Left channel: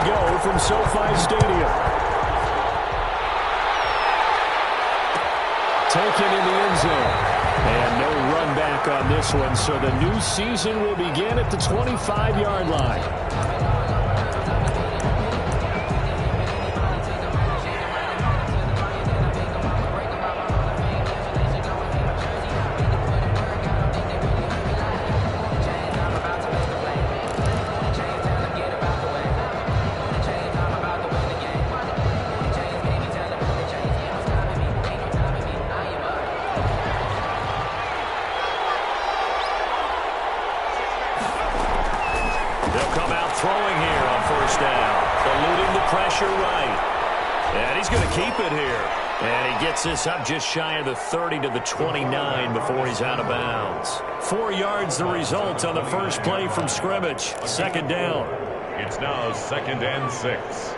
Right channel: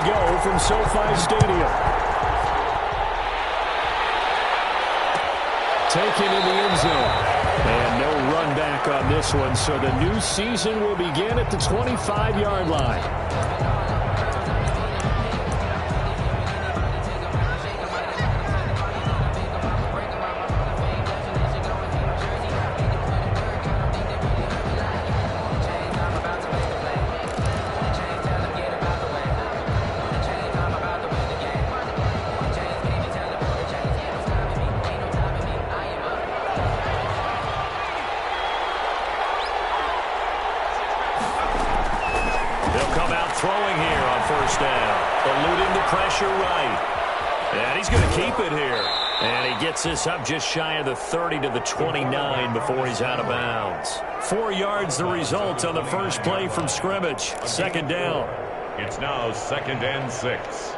we go from SoFi Stadium. Taken in the end zone. And no run back on this one, so the new season will begin at the 25-yard line. Throwing here on first down, eluding the pressure right. And he's going to keep it here. And he gets this up just shy of the 30 to the 29 before he's out of bounds. 4 yards the result on the first play from scrimmage. Second down. It's now 2nd and 6.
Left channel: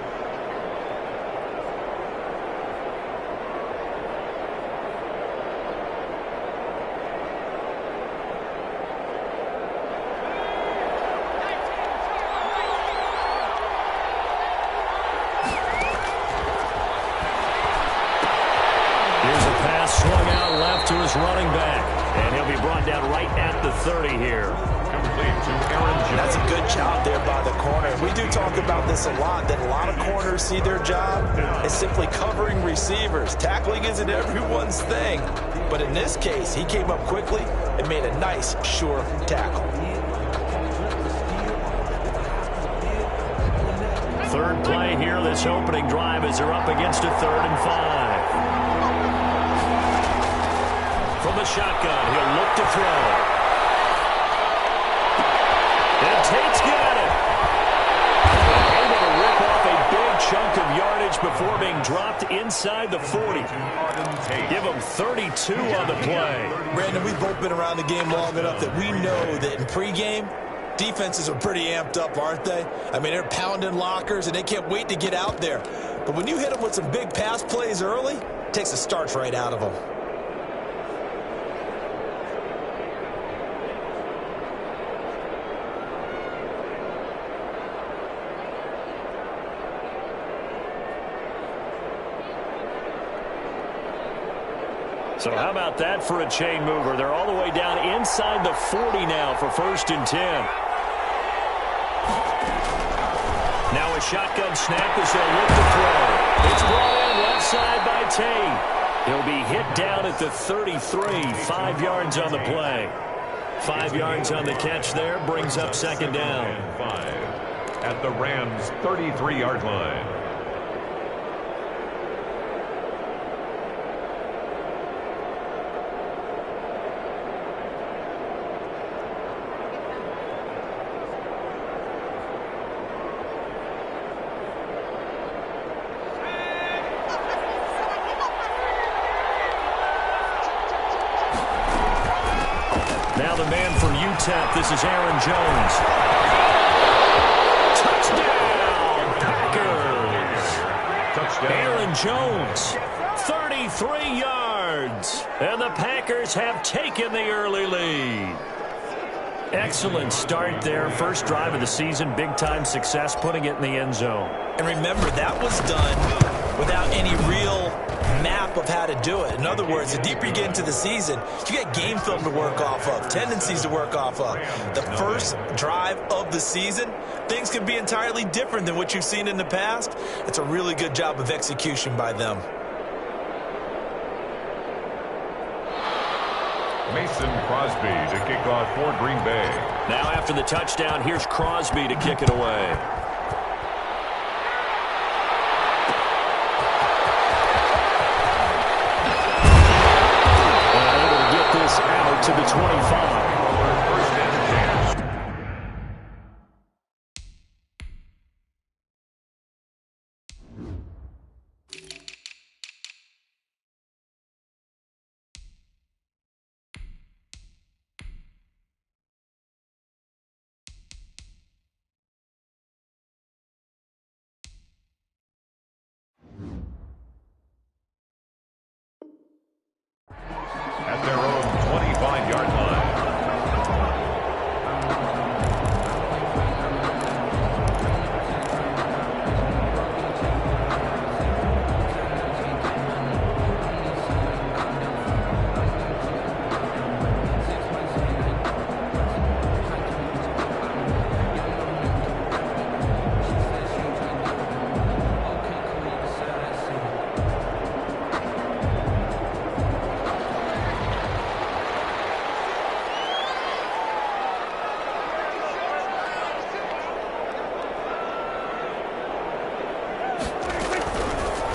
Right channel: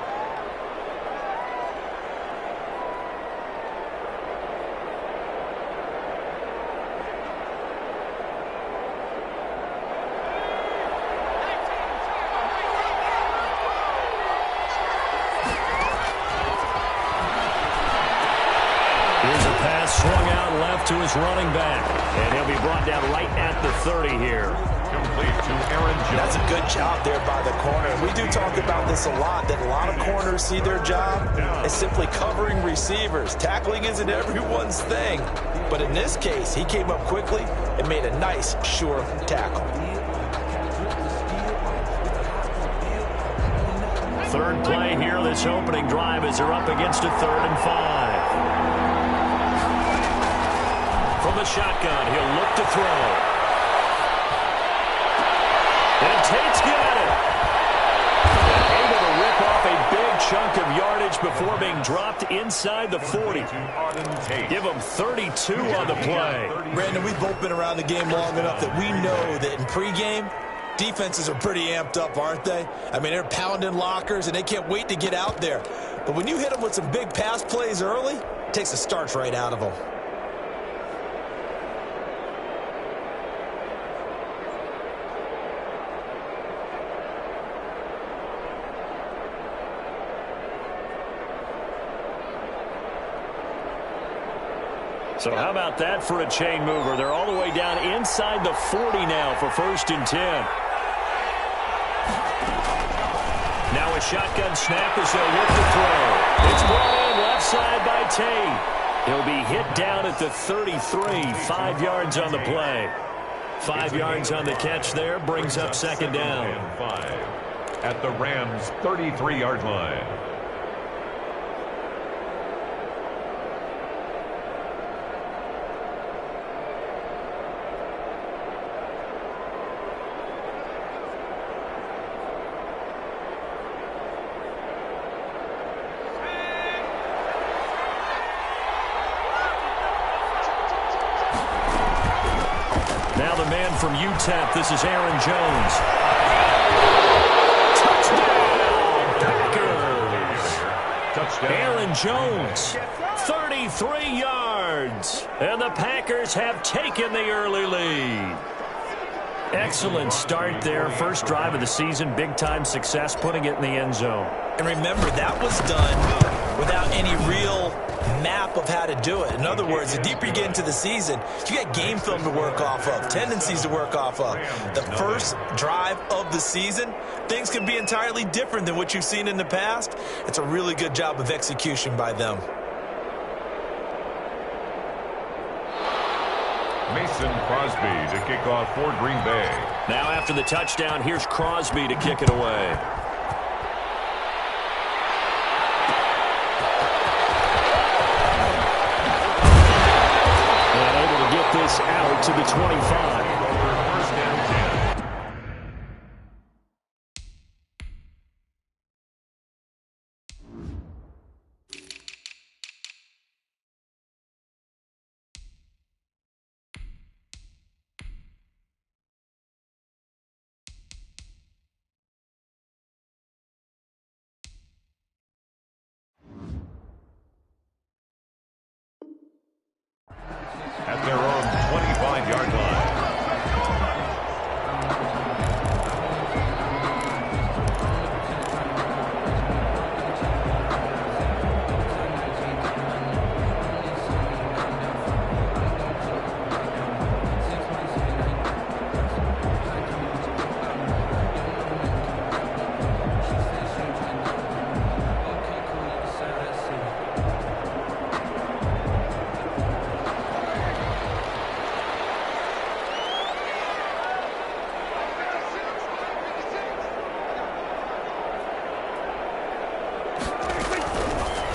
Swung out left to his running back. And he'll be brought down right at the 30 here. Complete to Aaron Jones. That's a good job there by the corner. We do talk about this a lot, that a lot of corners see their job as simply covering receivers. Tackling isn't everyone's thing. But in this case, he came up quickly and made a nice, sure tackle. Third play here, this opening drive as they're up against a 3rd and 5. From the shotgun, he'll look to throw. And Tate's got it. And able to rip off a big chunk of yardage before being dropped inside the 40. Give him 32 on the play. Brandon, we've both been around the game long enough that we know that in pregame, defenses are pretty amped up, aren't they? I mean, they're pounding lockers, and they can't wait to get out there. But when you hit them with some big pass plays early, it takes the starch right out of them. So how about that for a chain mover? They're all the way down inside the 40 now for 1st and 10. Now a shotgun snap as they'll look to throw. It's brought in left side by Tate. He'll be hit down at the 33, 5 yards on the play. 5 yards on the catch there, brings up second down. And 5 at the Rams' 33-yard line. Now the man from UTEP, this is Aaron Jones. Touchdown, Packers! Touchdown. Aaron Jones, 33 yards. And the Packers have taken the early lead. Excellent start there. First drive of the season, big-time success, putting it in the end zone. And remember, that was done without any real map of how to do it. In other words, the deeper you get into the season, you got game film to work off of, tendencies to work off of. The first drive of the season, things can be entirely different than what you've seen in the past. It's a really good job of execution by them. Mason Crosby to kick off for Green Bay. Now after the touchdown, here's Crosby to kick it away. This out to the 25. First and 10. At their own 25-yard line.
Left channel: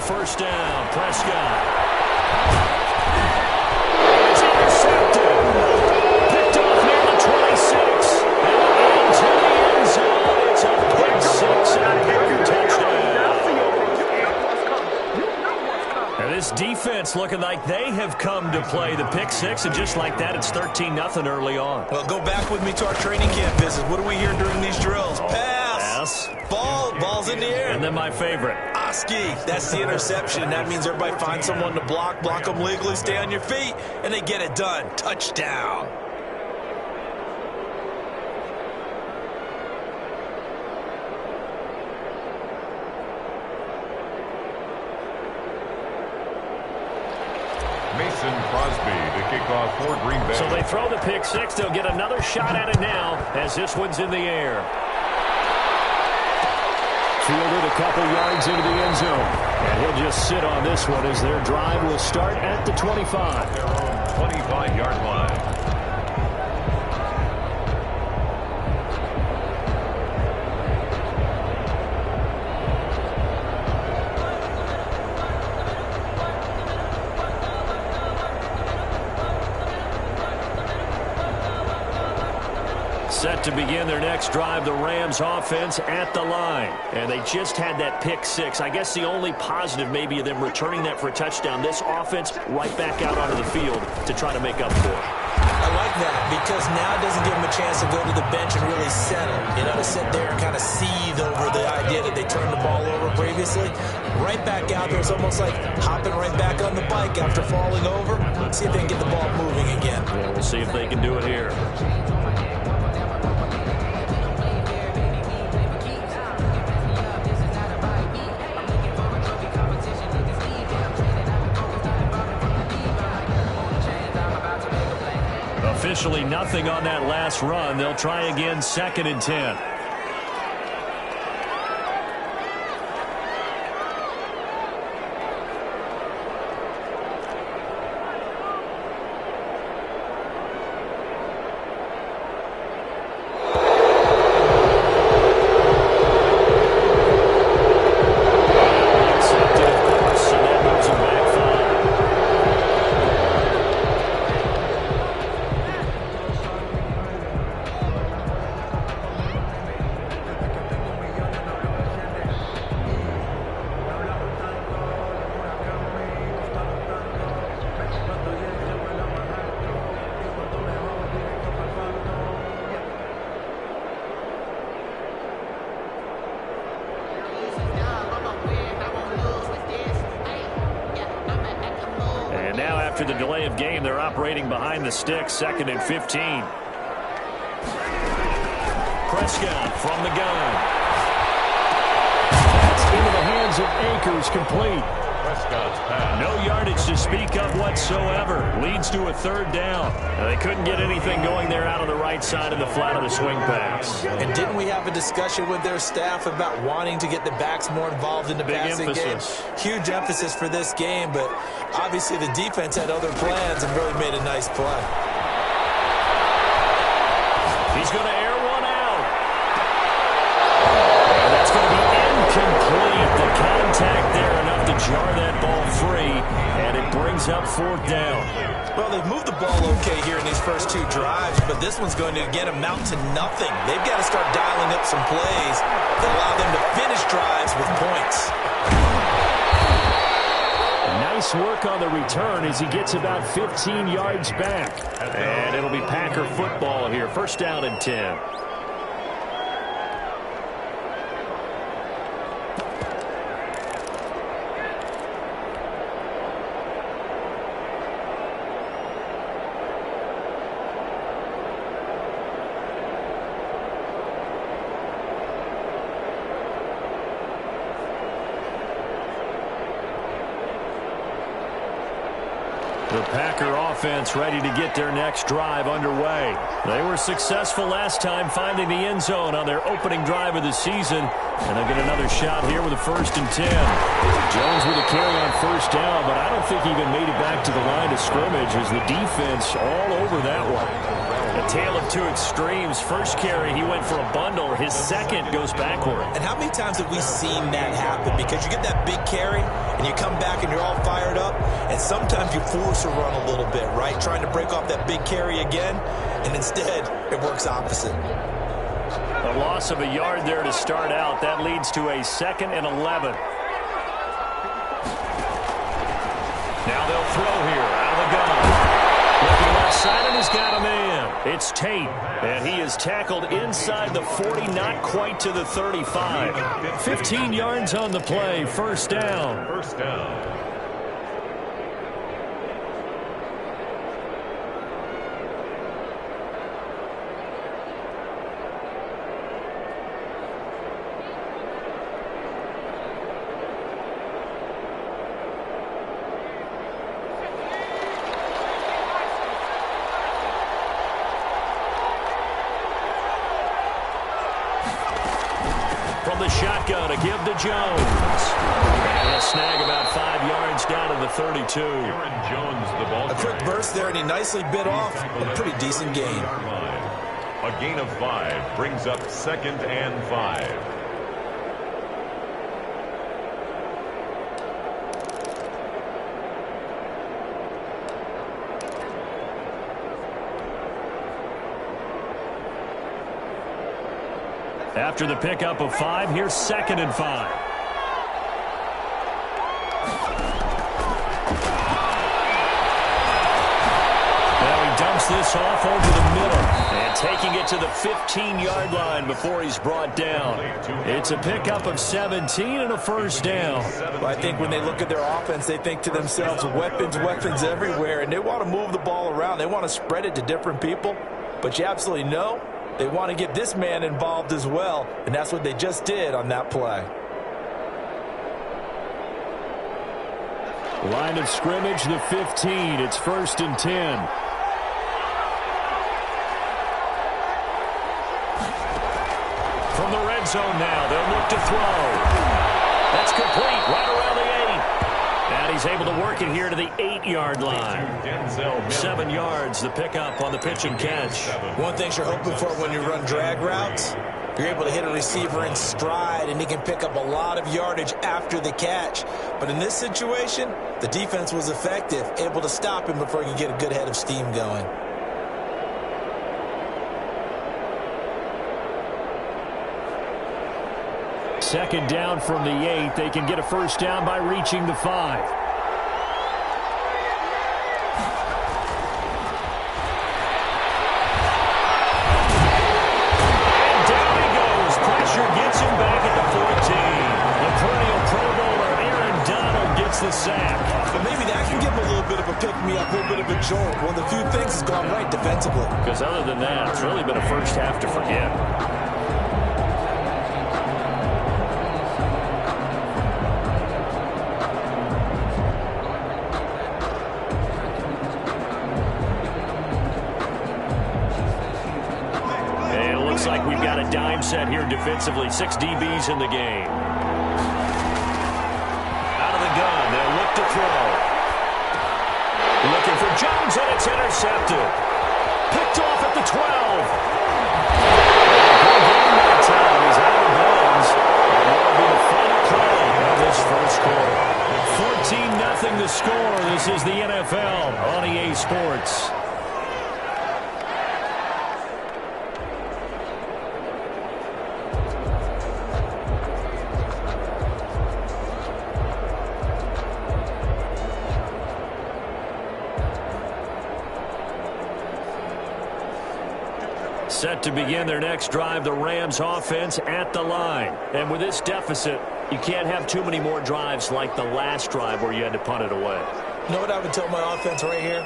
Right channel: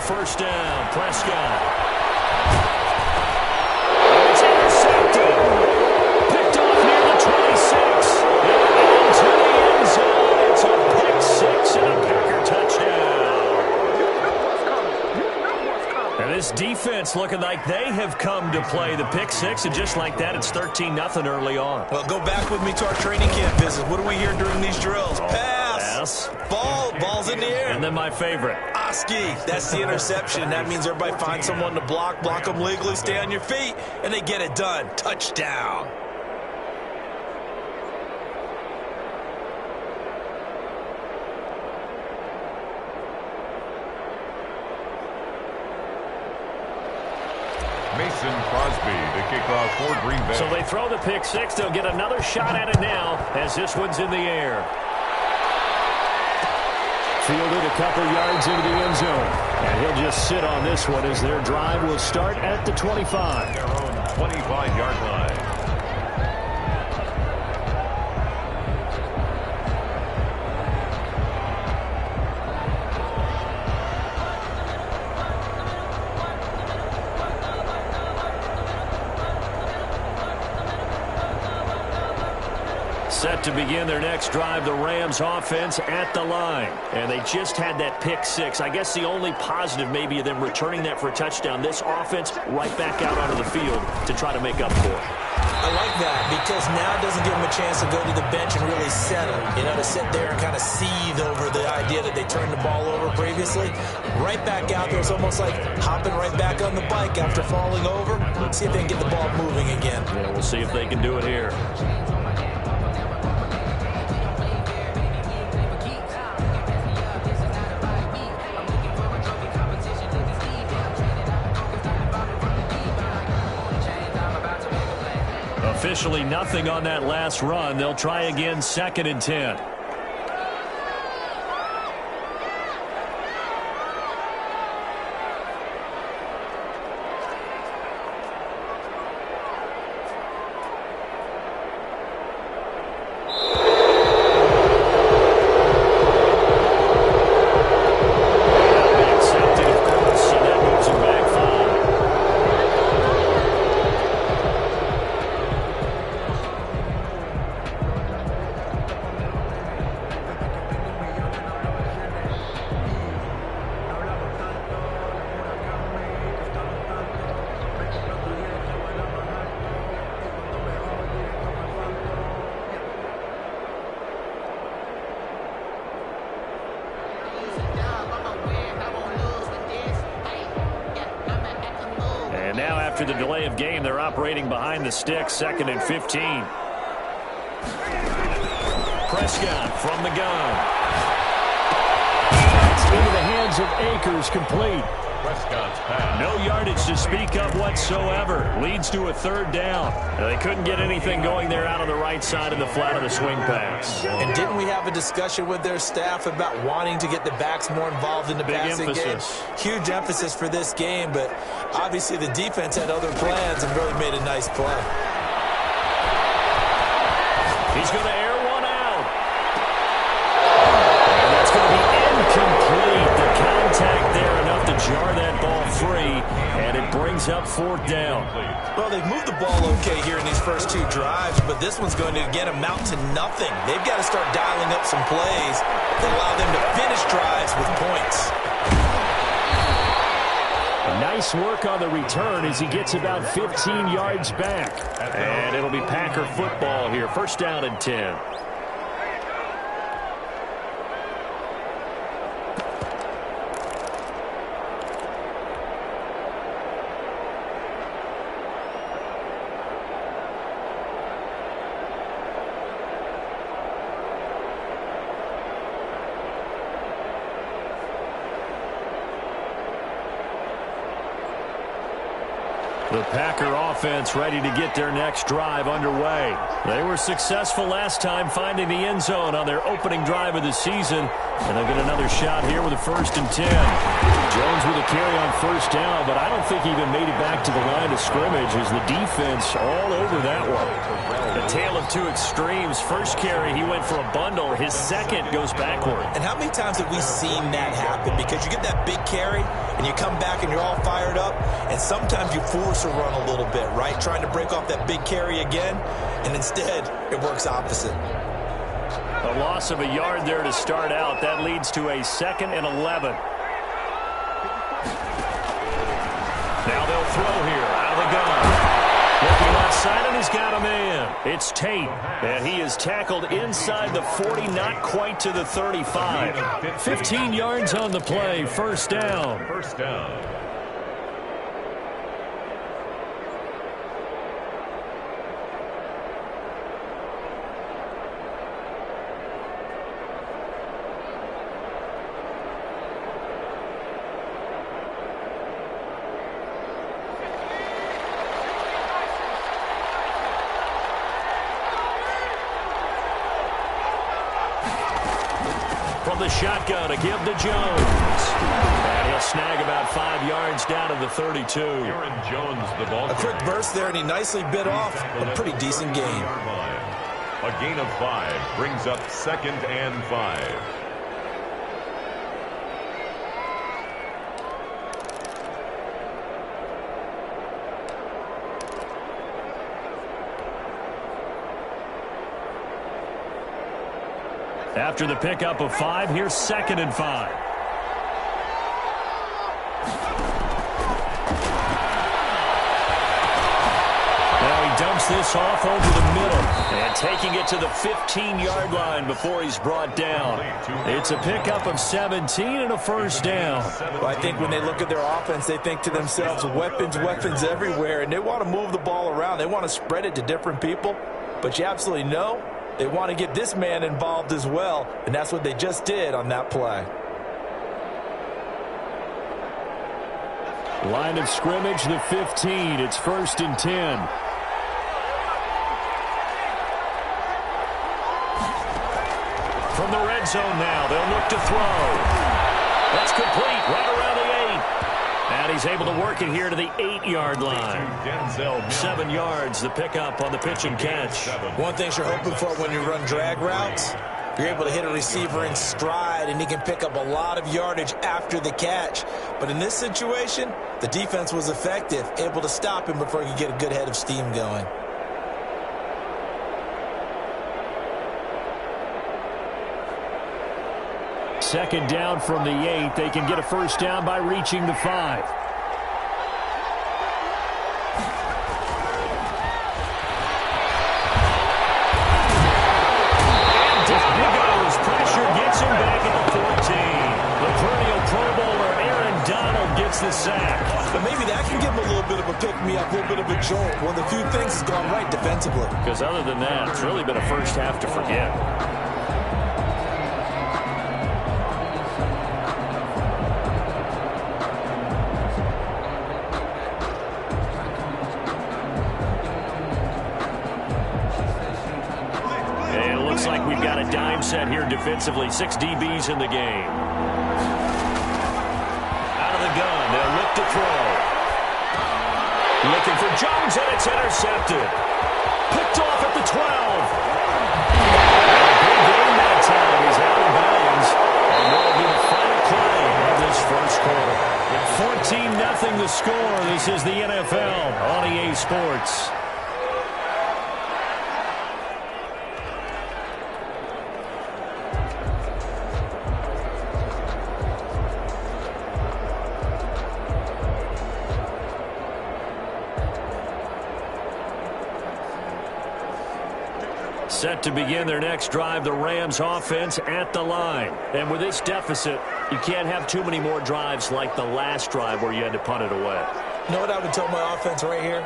first down. Prescott. And it's intercepted. Picked off near the 26. And into the end zone. It's a pick six and a Packer touchdown. And this defense looking like they have come to play the pick six, and just like that, it's 13-0 early on. Well, go back with me to our training camp visit. What do we hear during these drills? Pass. Ball's in the air. And then my favorite. Oski. That's the interception. That means everybody finds someone to block them legally, stay on your feet, and they get it done. Touchdown. Mason Crosby to kick off for Green Bay. So they throw the pick six. They'll get another shot at it now as this one's in the air. Fielded a couple yards into the end zone. And he'll just sit on this one as their drive will start at the 25. Their own 25-yard line. Set to begin their next drive, the Rams offense at the line. And they just had that pick six. I guess the only positive maybe of them returning that for a touchdown. This offense right back out onto the field to try to make up for it. I like that because now it doesn't give them a chance to go to the bench and really settle. You know, to sit there and kind of seethe over the idea that they turned the ball over previously. Right back out there. It's almost like hopping right back on the bike after falling over. Let's see if they can get the ball moving again. Yeah, we'll see if they can do it here. Officially nothing on that last run. They'll try again, 2nd and 10. And now after the delay of game, they're operating behind the sticks, 2nd and 15. Prescott from the gun. That's into the hands of Akers, complete. Prescott's pass. No yardage to speak of whatsoever. Leads to a 3rd down. Now, they couldn't get anything going there out on the right side of the flat of the swing pass. And didn't we have a discussion with their staff about wanting to get the backs more involved in the passing game? Huge emphasis for this game, but obviously the defense had other plans and really made a nice play. He's going to air one out. And that's going to be incomplete. The contact there enough to jar that ball free, and it brings up 4th down. Well, they've moved the ball okay here in these first 2 drives, but this one's going to, again, amount to nothing. They've got to start dialing up some plays that allow them to finish drives with points. Nice work on the return as he gets about 15 yards back. And it'll be Packer football here. 1st down and 10. The Packer offense ready to get their next drive underway. They were successful last time finding the end zone on their opening drive of the season, and they'll get another shot here with a 1st and 10. Jones with a carry on 1st down, but I don't think he even made it back to the line of scrimmage as the defense all over that one. A tale of two extremes. First carry, he went for a bundle. His second goes backward. And how many times have we seen that happen? Because you get that big carry, and you come back and you're all fired up, and sometimes you force a run a little bit, right? Trying to break off that big carry again, and instead it works opposite. A loss of a yard there to start out. That leads to a 2nd and 11. Now they'll throw here out of the gun. Looking left side, and he's got a man. It's Tate, and he is tackled inside the 40, not quite to the 35. 15 yards on the play, 1st down. 1st down. From the shotgun, a give to Jones. And he'll snag about 5 yards down to the 32. Aaron Jones, the ball. A quick burst there, and he nicely bit off a pretty decent gain. A gain of 5 brings up 2nd and 5. After the pickup of 5, here's 2nd and 5. Now he dumps this off over the middle and taking it to the 15-yard line before he's brought down. It's a pickup of 17 and a 1st down. Well, I think when they look at their offense, they think to themselves, weapons everywhere, and they want to move the ball around. They want to spread it to different people, but you absolutely know they want to get this man involved as well, and that's what they just did on that play. Line of scrimmage, the 15. It's 1st and 10. From the red zone now, they'll look to throw. That's complete, right around the 8. And he's able to work it here to the 8-yard line. 7 yards, the pickup on the pitch and catch. One thing you're hoping for when you run drag routes, you're able to hit a receiver in stride, and he can pick up a lot of yardage after the catch. But in this situation, the defense was effective, able to stop him before he could get a good head of steam going. Second down from the 8. They can get a 1st down by reaching the 5. And down he goes. Pressure gets him back at the 14. The perennial Pro Bowler Aaron Donald gets the sack. But maybe that can give him a little bit of a pick-me-up, a little bit of a jolt. One of the few things has gone right defensively. Because other than that, it's really been a first half to forget. Like we've got a dime set here defensively. 6 DBs in the game. Out of the gun, they'll look to throw. Looking for Jones, and it's intercepted. Picked off at the 12. And a good game that time. He's out of bounds. And what will be the final play of this first quarter. 14-0 the score. This is the NFL on EA Sports. Set to begin their next drive, the Rams offense at the line. And with this deficit, you can't have too many more drives like the last drive where you had to punt it away. You know what I would tell my offense right here?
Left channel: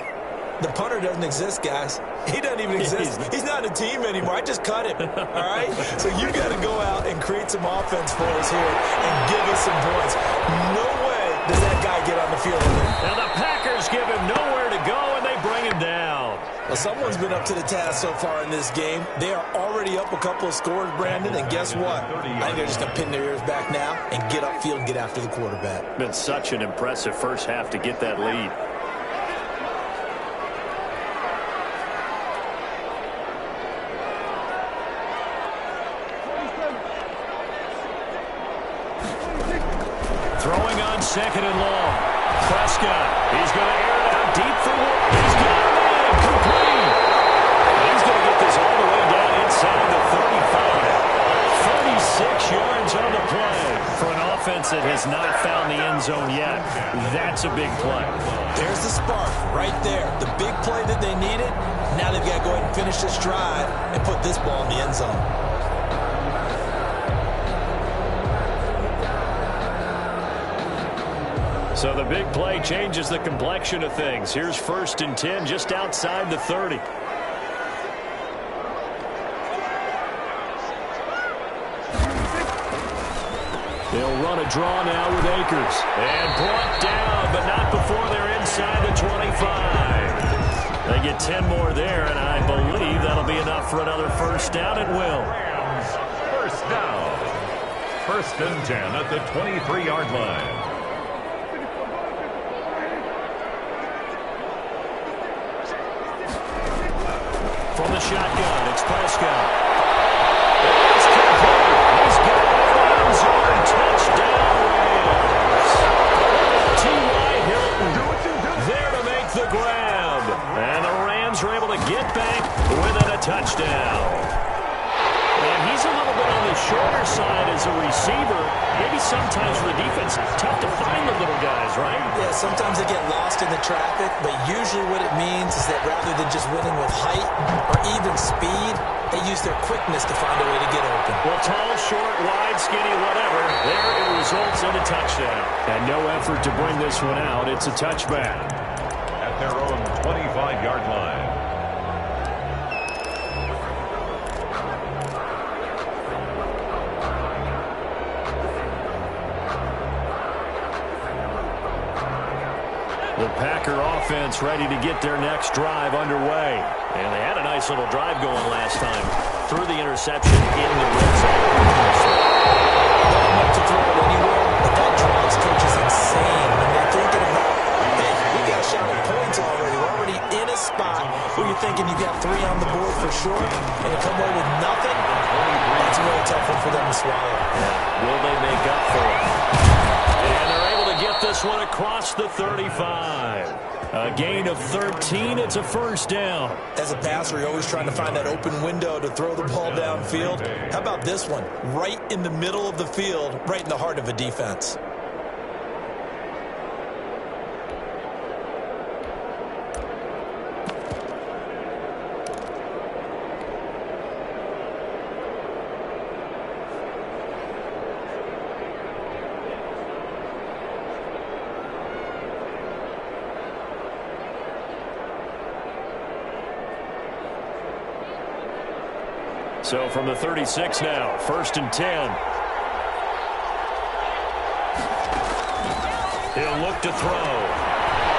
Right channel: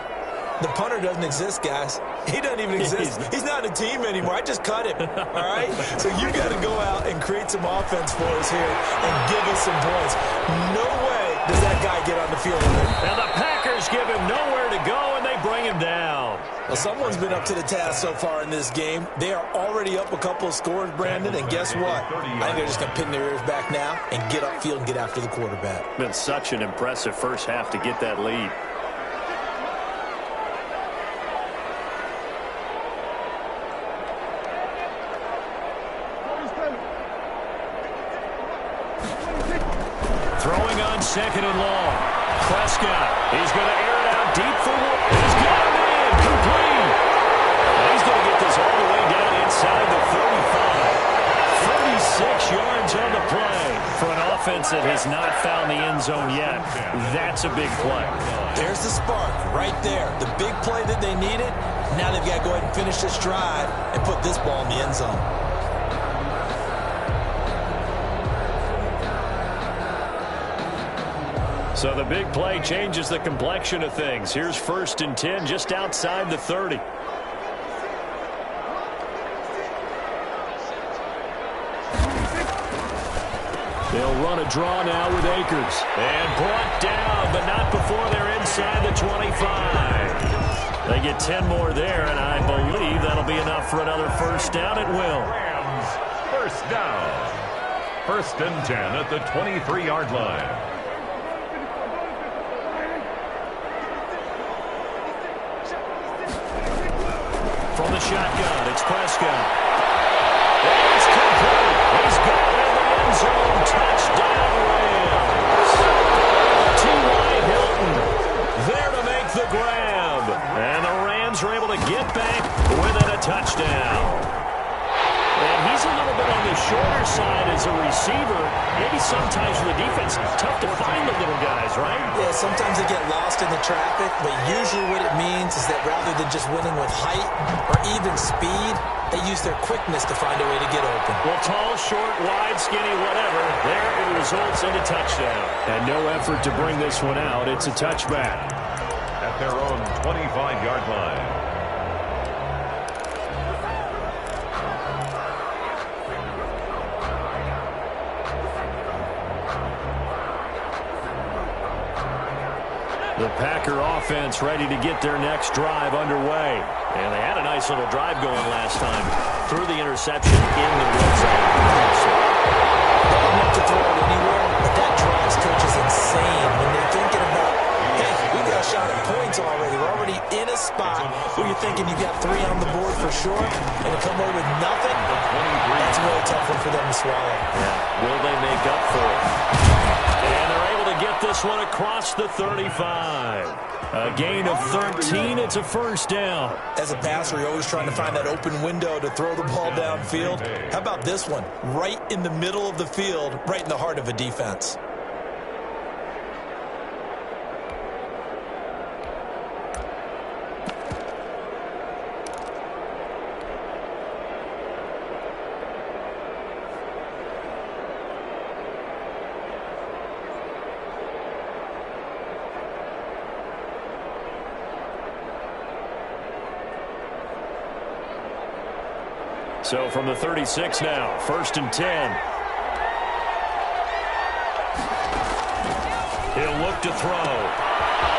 The punter doesn't exist, guys. He doesn't even exist. He's not a team anymore. I just cut him, all right? So you got to go out and create some offense for us here and give us some points. No way does that guy get on the field with it. Now the Packers give him nowhere to go, and they bring him down. Well, someone's been up to the task so far in this game. They are already up a couple of scores, Brandon, and guess what? I think they're just going to pin their ears back now and get upfield and get after the quarterback. Been such an impressive first half to get that lead. Throwing on second and long. Prescott, he's going to air it out deep for one. He's got him in, complete. And he's going to get this all the way down inside the 35. 36 yards on the play. For an offense that has not found the end zone yet, that's a big play. There's the spark right there. The big play that they needed. Now they've got to go ahead and finish this drive and put this ball in the end zone. So the big play changes the complexion of things. Here's 1st and 10 just outside the 30. They'll run a draw now with Akers. And brought down, but not before they're inside the 25. They get 10 more there, and I believe that'll be enough for another first down. It will. Rams, first down. 1st and 10 at the 23-yard line. From the shotgun, it's Prescott. It's complete. He's got it in the end zone. Touchdown, Rams. T.Y. Hilton there to make the grab. And the Rams are able to get back within a touchdown. And he's a little bit on the shorter side as a receiver. Maybe sometimes for the defense, tough to find the little guys, right? Yeah, sometimes they get lost in the traffic, but usually what it means is that rather than just winning with height or even speed, they use their quickness to find a way to get open. Well, tall, short, wide, skinny, whatever, there it results in a touchdown. And no effort to bring this one out. It's a touchback. At their own 25-yard line. The Packer offense ready to get their next drive underway. And they had a nice little drive going last time. Threw the interception in the red zone. Not enough to throw it anywhere, but that drives coaches insane when they're thinking about, hey, we got a shot at points already. We're already in a spot where you're thinking you've got 3 on the board for sure, and to come away with nothing, that's a really tough one for them to swallow. Yeah. Will they make up for it? And they're able to get this one across the 35. A gain of 13. It's a first down. As a passer, you're always trying to find that open window to throw the ball downfield. How about this one? Right in the middle of the field, right in the heart of a defense. So from the 36 now, 1st and 10. He'll look to throw.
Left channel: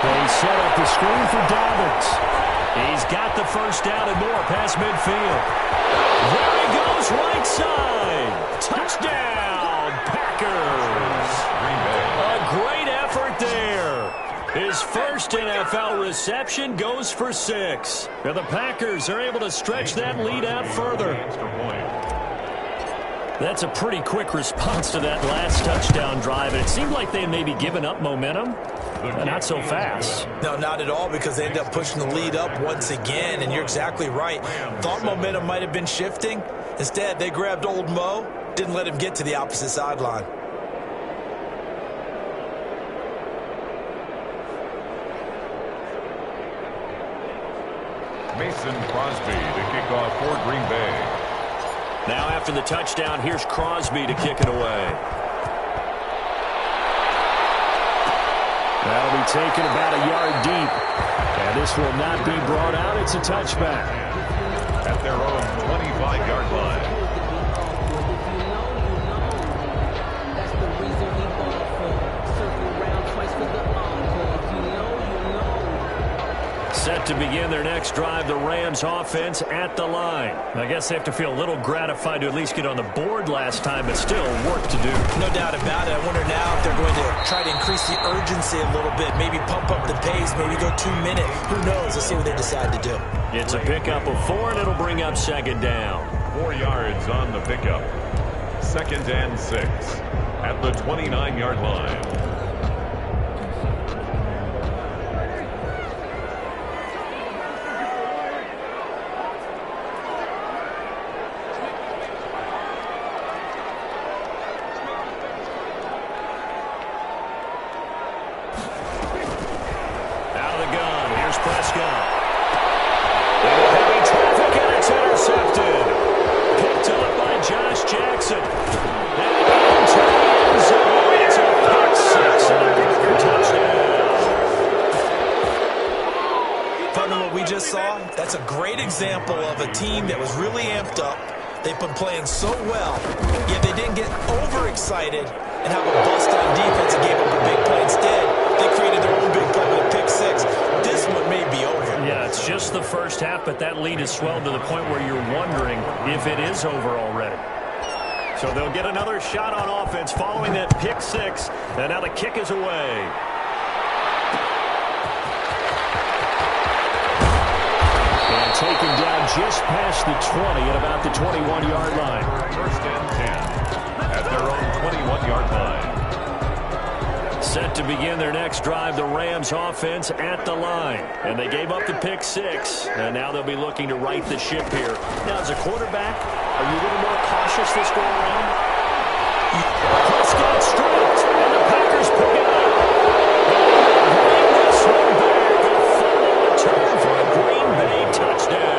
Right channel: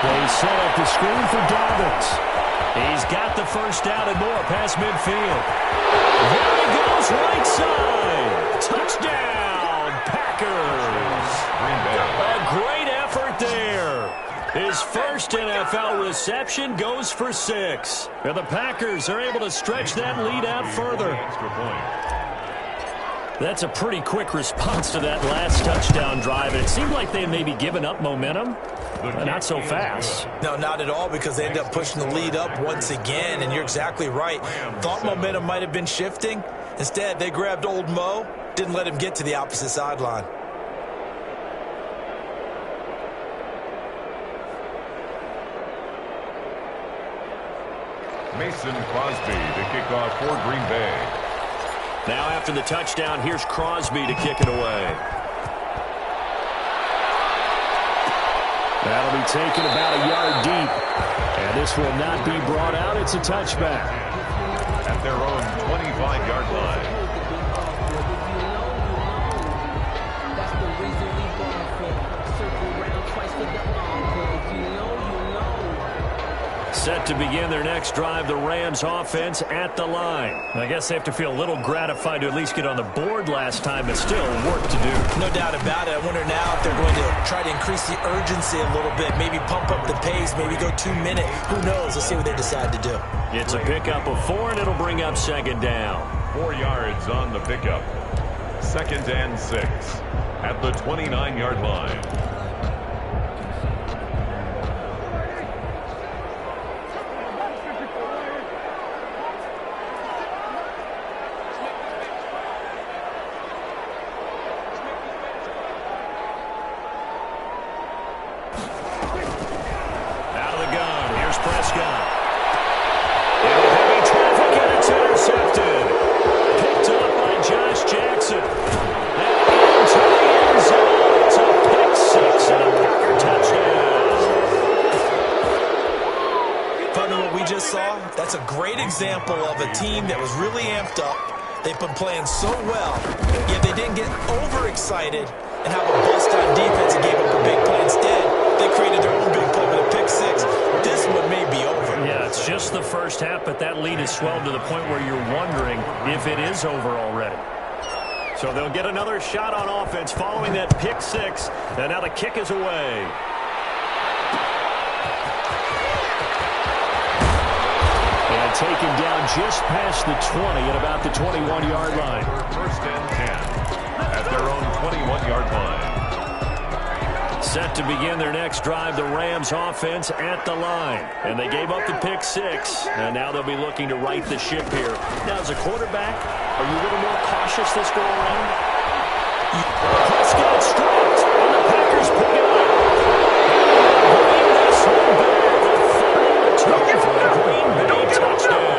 They set up the screen for Dobbins. He's got the first down and more past midfield. There he goes, right side. Touchdown, Packers. A great effort there. His first NFL reception goes for 6. And the Packers are able to stretch that lead out further. That's a pretty quick response to that last touchdown drive. And it seemed like they had maybe given up momentum. Not so fast. No, not at all, because they ended up pushing the lead up once again. And you're exactly right. Thought momentum might have been shifting. Instead, they grabbed old Mo, didn't let him get to the opposite sideline. Mason Crosby to kick off for Green Bay. Now after the touchdown, here's Crosby to kick it away. That'll be taken about a yard deep. And this will not be brought out. It's a touchback. At their own 25-yard line. Set to begin their next drive, the Rams offense at the line. I guess they have to feel a little gratified to at least get on the board last time, but still work to do. No doubt about it. I wonder now if they're going to try to increase the urgency a little bit, maybe pump up the pace, maybe go 2 minute. Who knows? Let's see what they decide to do. It's a pickup of 4, and it'll bring up second down. 4 yards on the pickup. 2nd and 6 at the 29-yard line. That's a great example of a team that was really amped up. They've been playing so well, yet they didn't get overexcited and have a bust on defense and gave up a big play. Instead, they created their own big play with a pick six. This one may be over. Yeah, it's just the first half, but that lead has swelled to the point where you're wondering if it is over already. So they'll get another shot on offense following that pick six, and now the kick is away. And taken down just past the 20 at about the 21-yard line. 1st and 10 at their own 21-yard line. Set to begin their next drive, the Rams offense at the line. And they gave up the pick six, and now they'll be looking to right the ship here. Now, as a quarterback, are you a little more cautious this go around? Prescott stripped, and the Packers pick it up. And bring this one back. A final return for a Green Bay touchdown.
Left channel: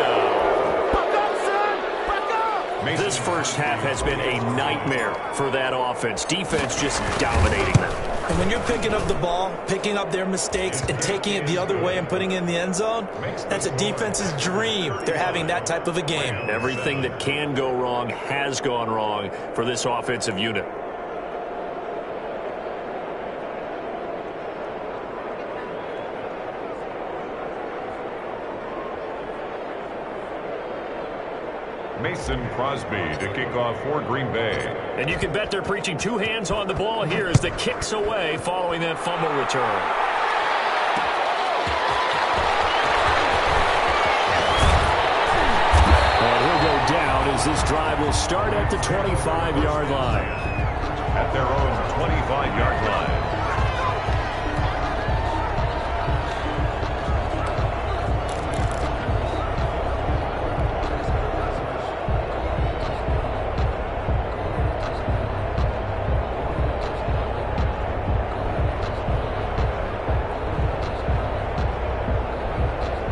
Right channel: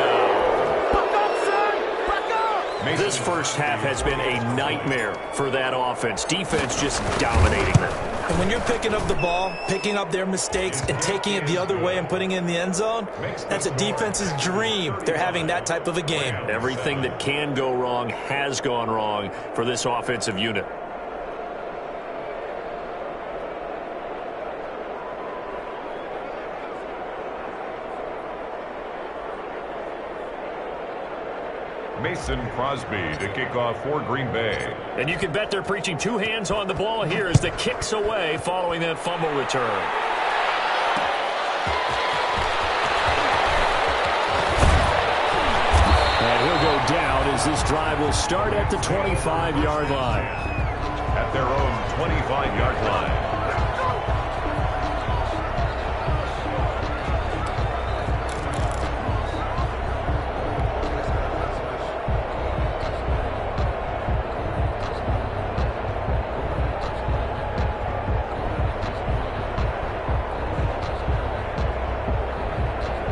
This first half has been a nightmare for that offense. Defense just dominating them. And when you're picking up the ball, picking up their mistakes, and taking it the other way and putting it in the end zone, that's a defense's dream. They're having that type of a game. Everything that can go wrong has gone wrong for this offensive unit. Mason Crosby to kick off for Green Bay. And you can bet they're preaching 2 hands on the ball here as the kick's away following that fumble return. And he'll go down as this drive will start at the 25-yard line. At their own 25-yard line.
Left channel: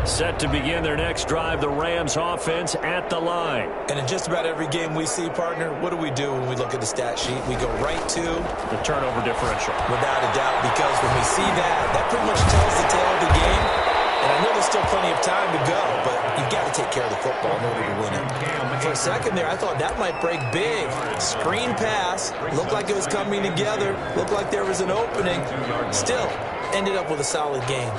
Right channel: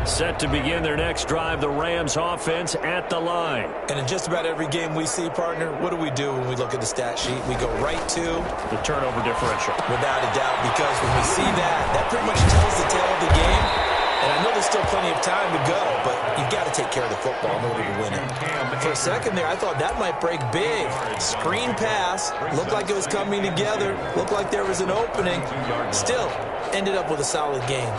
Set to begin their next drive, the Rams offense at the line. And in just about every game we see, partner, what do we do when we look at the stat sheet? We go right to the turnover differential. Without a doubt, because when we see that, that pretty much tells the tale of the game. And I know there's still plenty of time to go, but you've got to take care of the football in order to win it. For a second there, I thought that might break big. Screen pass, looked like it was coming together, looked like there was an opening. Still, ended up with a solid game.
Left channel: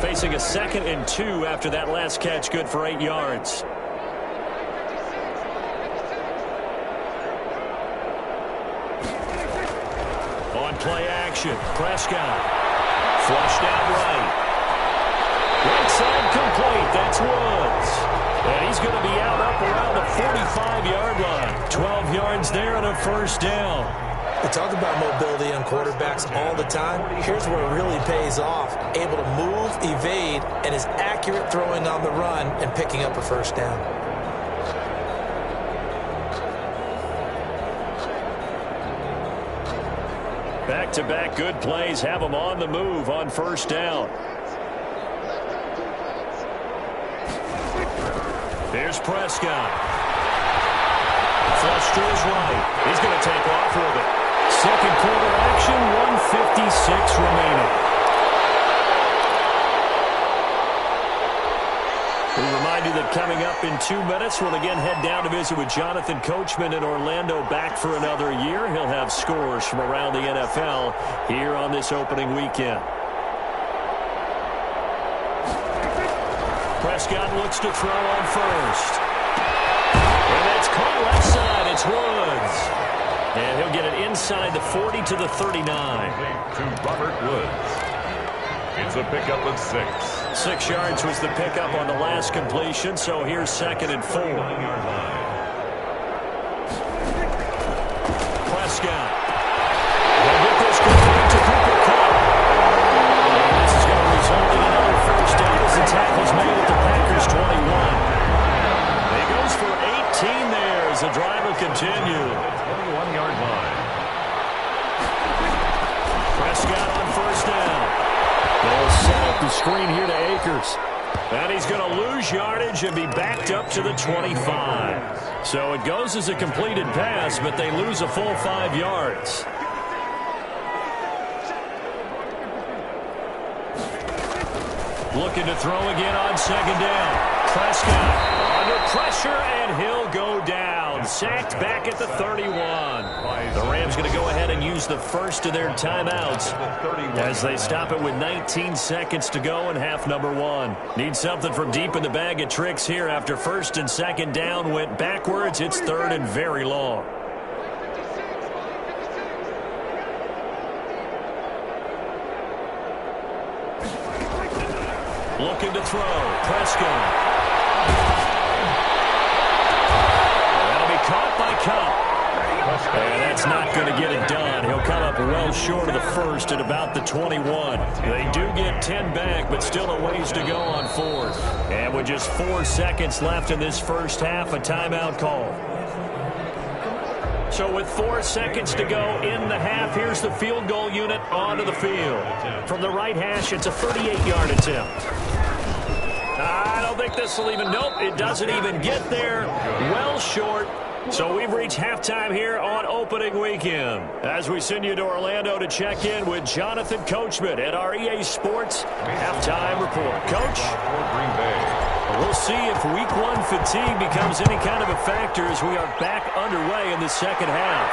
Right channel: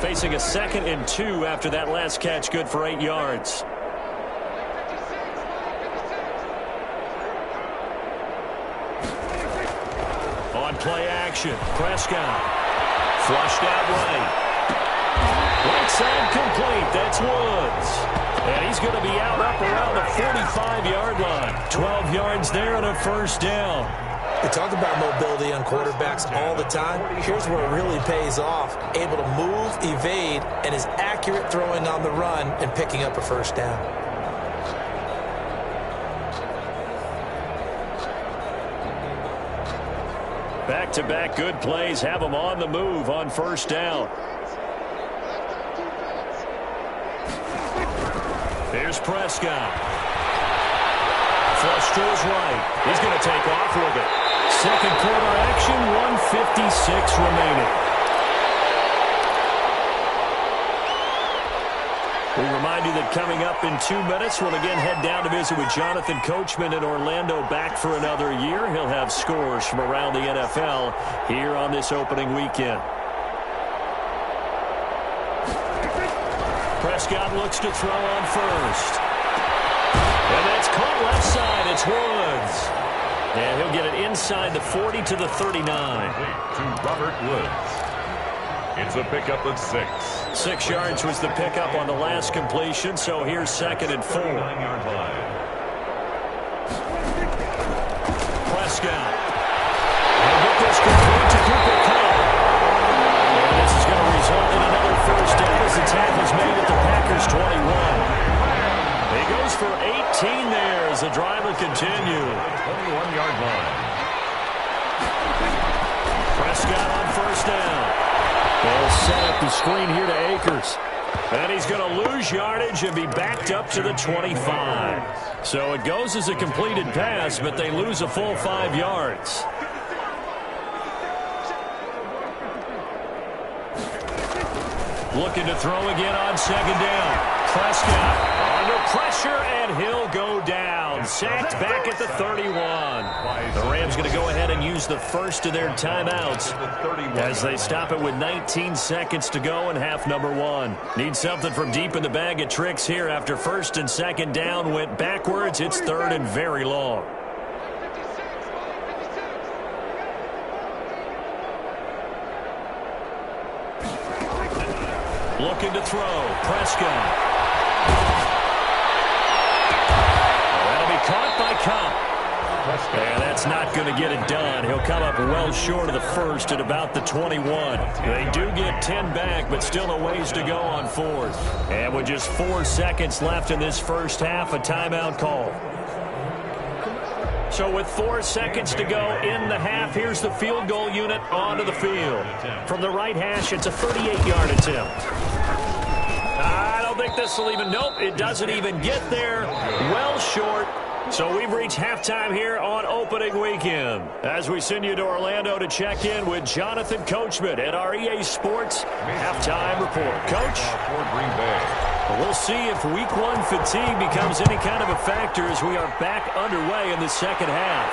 Facing a 2nd and 2 after that last catch, good for 8 yards. On play action, Prescott. Flushed out right. Right side complete, that's Woods. And he's going to be out up around the 45-yard line. 12 yards there and a first down. They talk about mobility on quarterbacks all the time. Here's where it really pays off. Able to move, evade, and is accurate throwing on the run and picking up a first down. Back-to-back good plays have them on the move on first down. Here's Prescott. Flush to his right. He's going to take off with it. Second quarter action, 1:56 remaining. We remind you that coming up in 2 minutes, we'll again head down to visit with Jonathan Coachman in Orlando, back for another year. He'll have scores from around the NFL here on this opening weekend. Prescott looks to throw on first. And that's caught left side. It's Woods. And he'll get it inside the 40 to the 39. To Robert Woods. It's a pickup of 6. 6 yards was the pickup on the last completion, so here's 2nd and 4. 9-yard line. Prescott. He'll get this complete to Cooper Kupp. And this is going to result in another first down as the tackle's made at the Packers' 21. He goes for 18 there as the drive will continue. The 21-yard line. Prescott on first down. They'll set up the screen here to Akers. And he's going to lose yardage and be backed up to the 25. So it goes as a completed pass, but they lose a full 5 yards. Looking to throw again on second down. Prescott under pressure, and he'll go down. Sacked back at the 31. The Rams going to go ahead and use the first of their timeouts as they stop it with 19 seconds to go in half number 1. Need something from deep in the bag of tricks here after first and second down went backwards. It's 3rd and very long. Looking to throw. Prescott. That'll be caught by Kupp. And that's not going to get it done. He'll come up well short of the first at about the 21. They do get 10 back, but still a ways to go on 4th. And with just 4 seconds left in this first half, a timeout call. So with 4 seconds to go in the half, here's the field goal unit onto the field. From the right hash, it's a 38-yard attempt. I don't think this will even, nope, it doesn't even get there. Well short. So we've reached halftime here on opening weekend. As we send you to Orlando to check in with Jonathan Coachman at our EA Sports halftime report. Coach? We'll see if week 1 fatigue becomes any kind of a factor as we are back underway in the second half.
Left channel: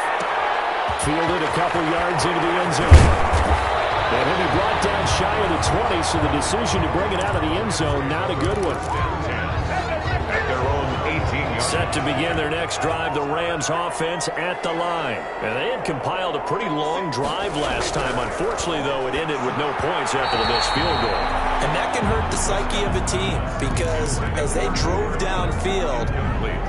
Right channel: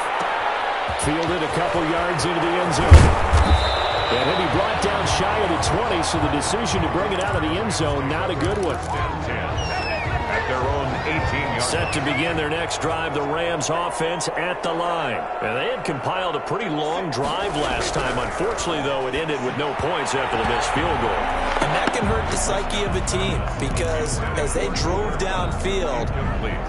Fielded a couple yards into the end zone. And he'll be brought down shy of the 20, so the decision to bring it out of the end zone, not a good one. At their own 18-yard. Set to begin their next drive, the Rams offense at the line. And they had compiled a pretty long drive last time. Unfortunately, though, it ended with no points after the missed field goal. And that can hurt the psyche of a team because as they drove downfield,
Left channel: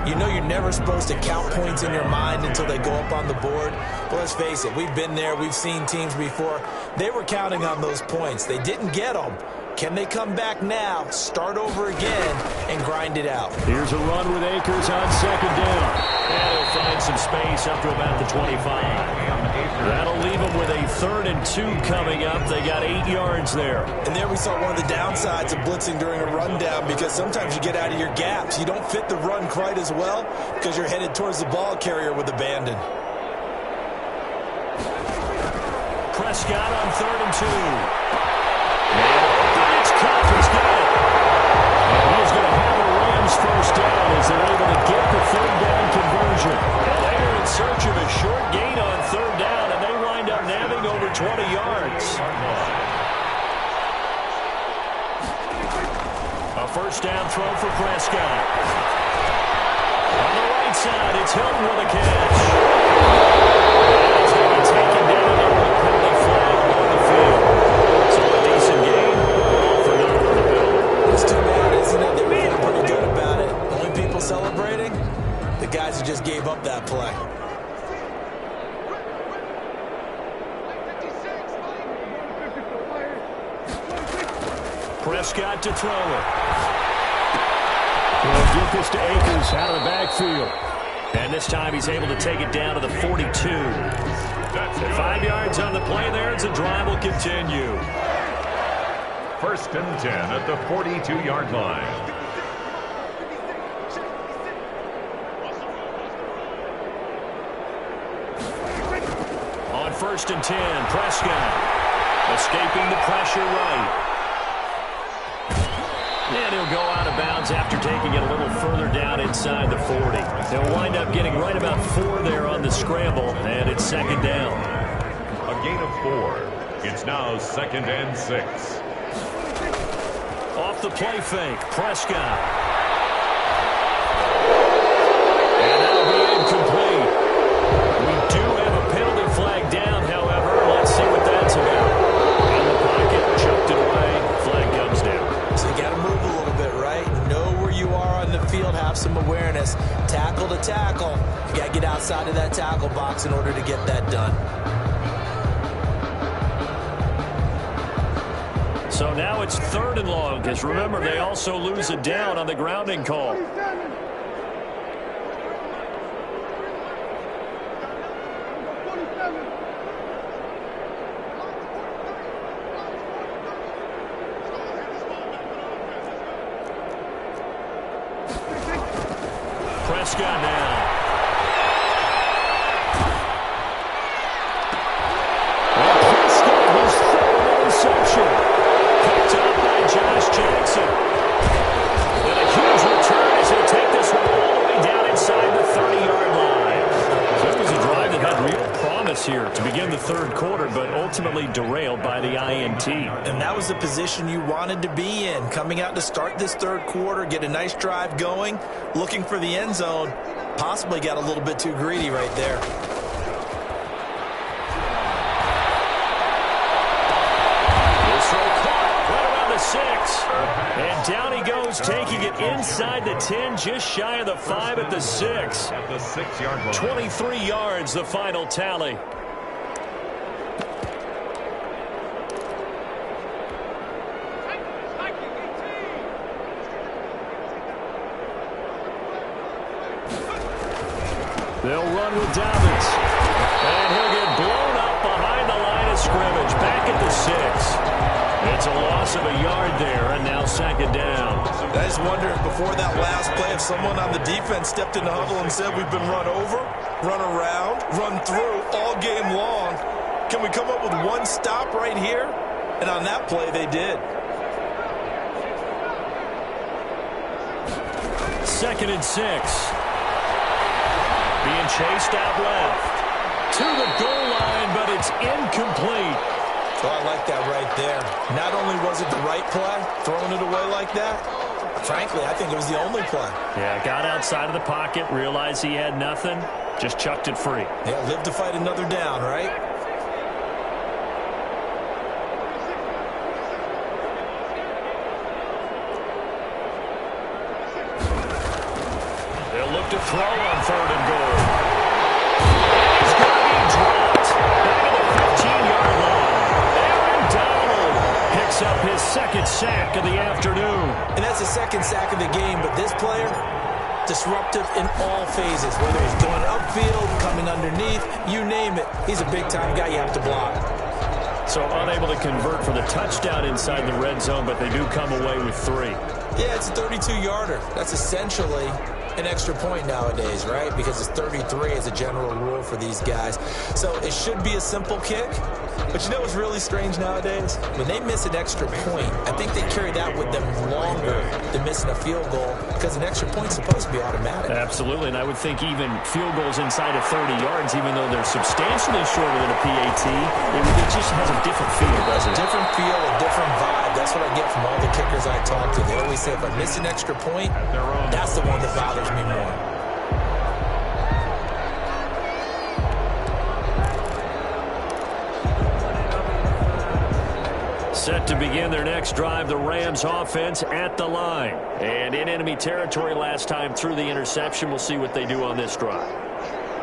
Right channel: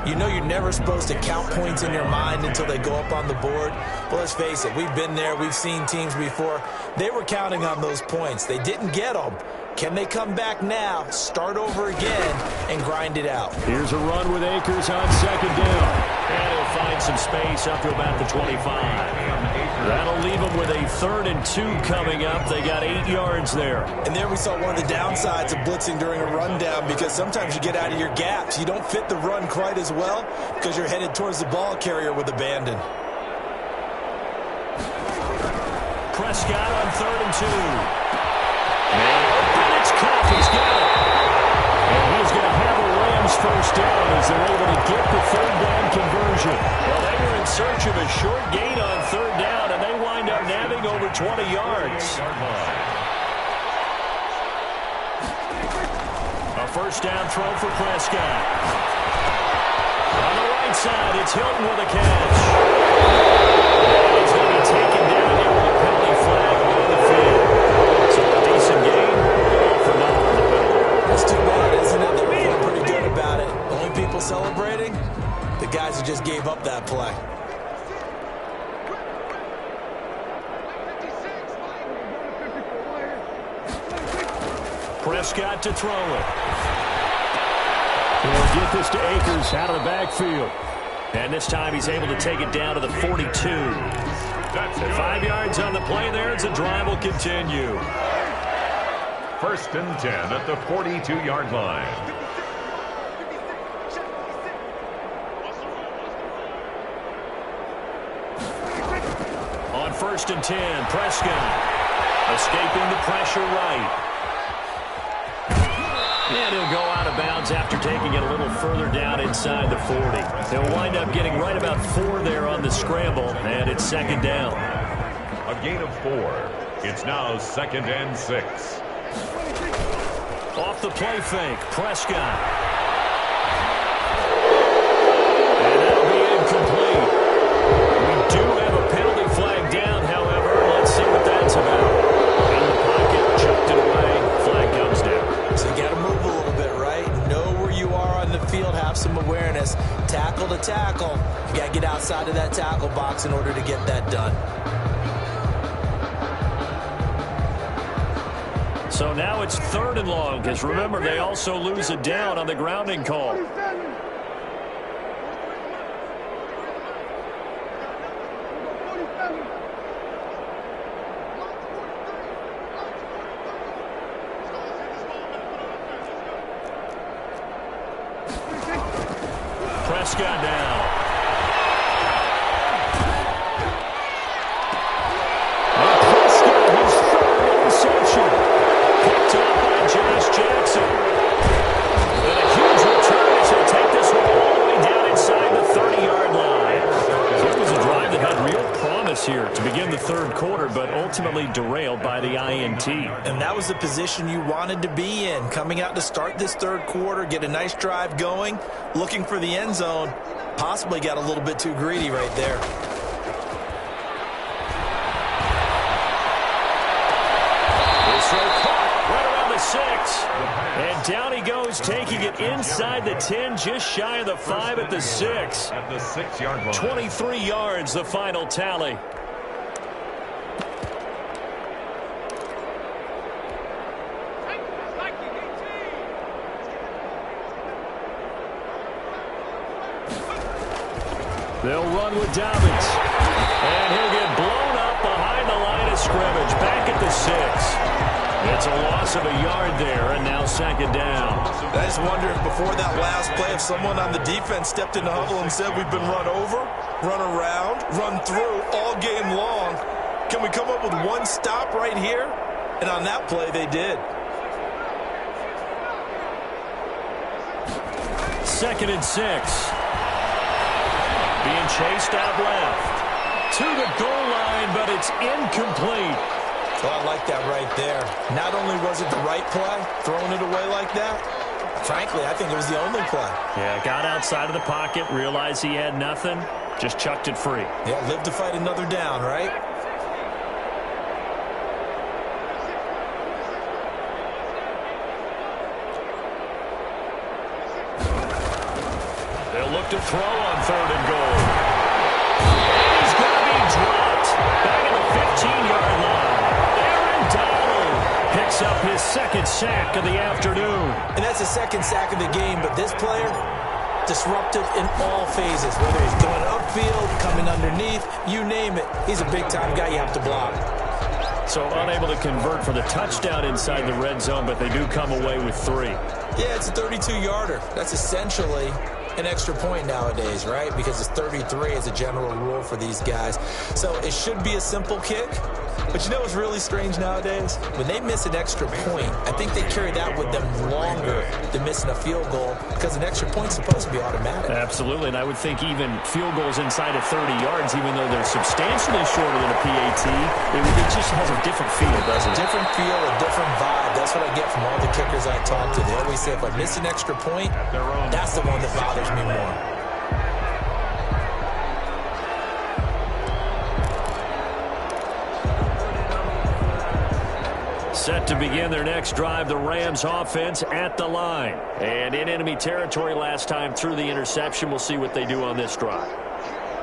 you know you're never supposed to count points in your mind until they go up on the board. But let's face it, we've been there. We've seen teams before. They were counting on those points. They didn't get them. Can they come back now, start over again, and grind it out? Here's a run with Akers on second down. And he'll find some space up to about the 25. That'll leave them with a 3rd and 2 coming up. They got 8 yards there. And there we saw one of the downsides of blitzing during a rundown because sometimes you get out of your gaps. You don't fit the run quite as well because you're headed towards the ball carrier with abandon. Prescott on 3rd and 2. And open, it's Kupp. He's got it. And he's going to have a Rams first down as they're able to get the 3rd down conversion. Well, they were in search of a short gain on 3rd down, and they wind up nabbing over 20 yards. A first down throw for Prescott. On the right side, it's Hilton with a catch. And he's going to be taken down there with a penalty flag on the field. So a decent game, all for nothing on the penalty. It's too bad, isn't it? They were feeling pretty good about it. Only people celebrating? The guys who just gave up that play. Prescott to throw it. He'll get this to Akers out of the backfield. And this time he's able to take it down to the 42. 5 yards on the play there as the drive will continue. 1st and 10 at the 42-yard line. 1st and 10. Prescott escaping the pressure right. And he'll go out of bounds after taking it a little further down inside the 40. He'll wind up getting right about 4 there on the scramble, and it's 2nd down. A gain of 4. It's now 2nd and 6. Off the play fake, Prescott. And that'll be incomplete. We do have a penalty flag down, however. Let's see what that's about. In the pocket, chucked it away, flag comes down. So you got to move a little bit, right? Know where you are on the field, have some awareness. Tackle to tackle. You got to get outside of that tackle box in order to get that done. So now it's 3rd and long, because remember, they also lose a down on the grounding call. Prescott now. And Prescott, his 3rd interception. Picked up by Josh Jackson. And a huge return as he'll take this one all the way down inside the 30-yard line. So it was a drive that had real promise here to begin the 3rd quarter, but ultimately derailed by the INT. And that was the position you wanted to be in. Coming out to start this 3rd quarter, get a nice drive going, looking for the end zone. Possibly got a little bit too greedy right there. The 6. And down he goes, taking it inside the 10, just shy of the 5 at the 6. At the 6-yard line. 23 yards, the final tally. They'll run with Dobbins. And he'll get blown up behind the line of scrimmage, back at the 6. It's a loss of a yard there, and now 2nd down. I just wonder if before that last play, if someone on the defense stepped in the huddle and said, we've been run over, run around, run through all game long. Can we come up with one stop right here? And on that play, they did. 2nd and 6. Being chased out left. To the goal line, but it's incomplete. Oh, I like that right there. Not only was it the right play, throwing it away like that, frankly, I think it was the only play. Yeah, got outside of the pocket, realized he had nothing, just chucked it free. Yeah, live to fight another down, right? They'll look to throw on 3rd and goal. And he's going to be dropped back at the 15-yard line. Picks up his 2nd sack of the afternoon. And that's the 2nd sack of the game, but this player, disruptive in all phases, whether he's going upfield, coming underneath, you name it. He's a big-time guy you have to block. So unable to convert for the touchdown inside the red zone, but they do come away with 3. Yeah, it's a 32-yarder. That's essentially an extra point nowadays, right? Because it's 33 as a general rule for these guys. So it should be a simple kick. But you know what's really strange nowadays? When they miss an extra point, I think they carry that with them longer than missing a field goal because an extra point's supposed to be automatic. Absolutely, and I would think even field goals inside of 30 yards, even though they're substantially shorter than a PAT, it just has a different feel, doesn't it? Different feel, a different vibe. That's what I get from all the kickers I talk to. They always say if I miss an extra point, that's the one that bothers me more. Set to begin their next drive, the Rams offense at the line. And in enemy territory last time through the interception. We'll see what they do on this drive.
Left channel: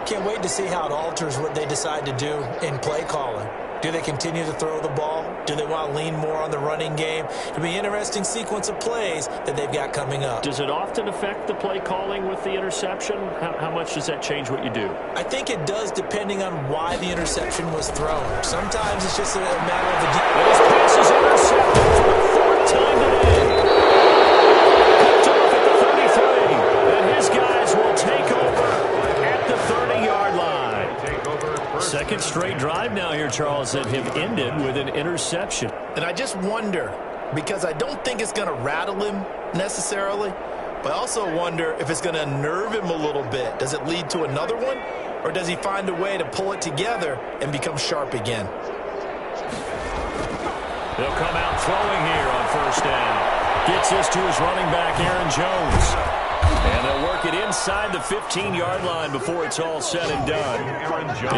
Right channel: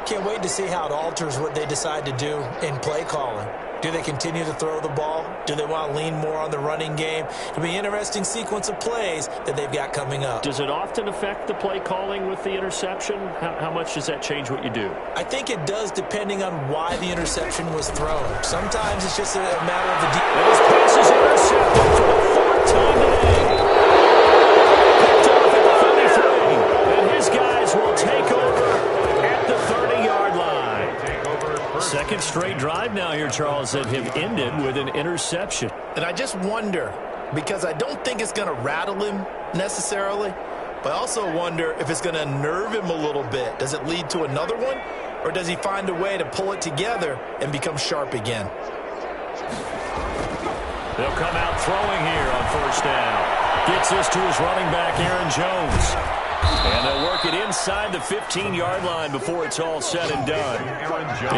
Can't wait to see how it alters what they decide to do in play calling. Do they continue to throw the ball? Do they want to lean more on the running game? It'll be an interesting sequence of plays that they've got coming up. Does it often affect the play calling with the interception? How much does that change what you do? I think it does depending on why the interception was thrown. Sometimes it's just a matter of the... And his pass is intercepted for the 4th time today. Picked off at the 33. And his guys will take over at the 30-yard line. 2nd straight drive now here, Charles, that have ended with an interception. And I just wonder, because I don't think it's going to rattle him necessarily, but I also wonder if it's going to nerve him a little bit. Does it lead to another one, or does he find a way to pull it together and become sharp again? They'll come out throwing here on first down. Gets this to his running back, Aaron Jones. And they'll work it inside the 15-yard line before it's all said and done.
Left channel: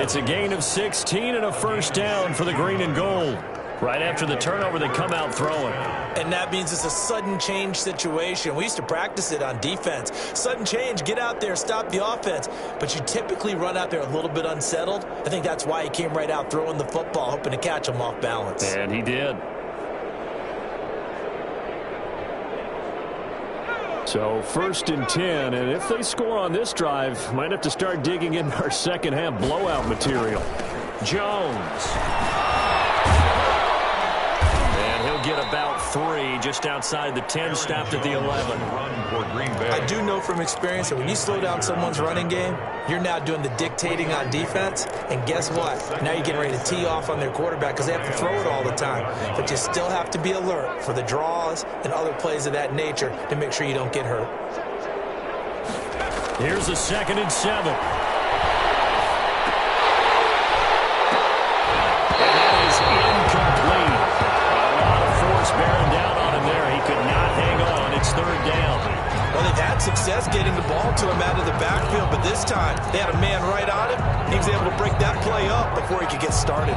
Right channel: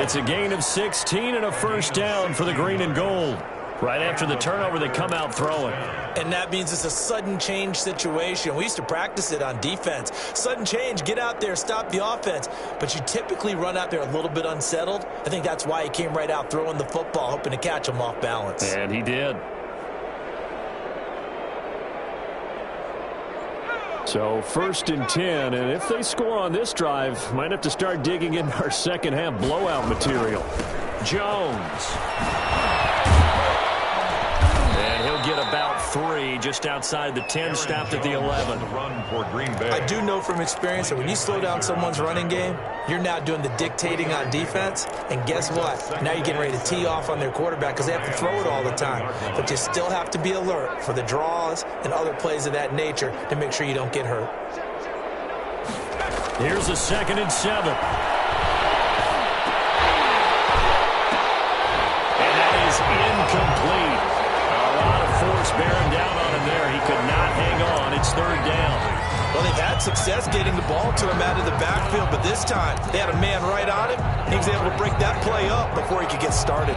It's a gain of 16 and a first down for the green and gold. Right after the turnover, they come out throwing. And that means it's a sudden change situation. We used to practice it on defense. Sudden change, get out there, stop the offense. But you typically run out there a little bit unsettled. I think that's why he came right out throwing the football, hoping to catch him off balance. And he did. So 1st and 10, and if they score on this drive, might have to start digging in our second half blowout material. Jones. And he'll get about 3 just outside the 10, stopped at the 11. I do know from experience that when you slow down someone's running game, you're now doing the dictating on defense, and guess what? Now you're getting ready to tee off on their quarterback because they have to throw it all the time. But you still have to be alert for the draws and other plays of that nature to make sure you don't get hurt. Here's a 2nd and 7. And that is incomplete. A lot of force bearing down on him there. He could not hang on. It's 3rd down. Well, they've had success getting the ball to him out of the backfield, but this time they had a man right on him. He was able to break that play up before he could get started.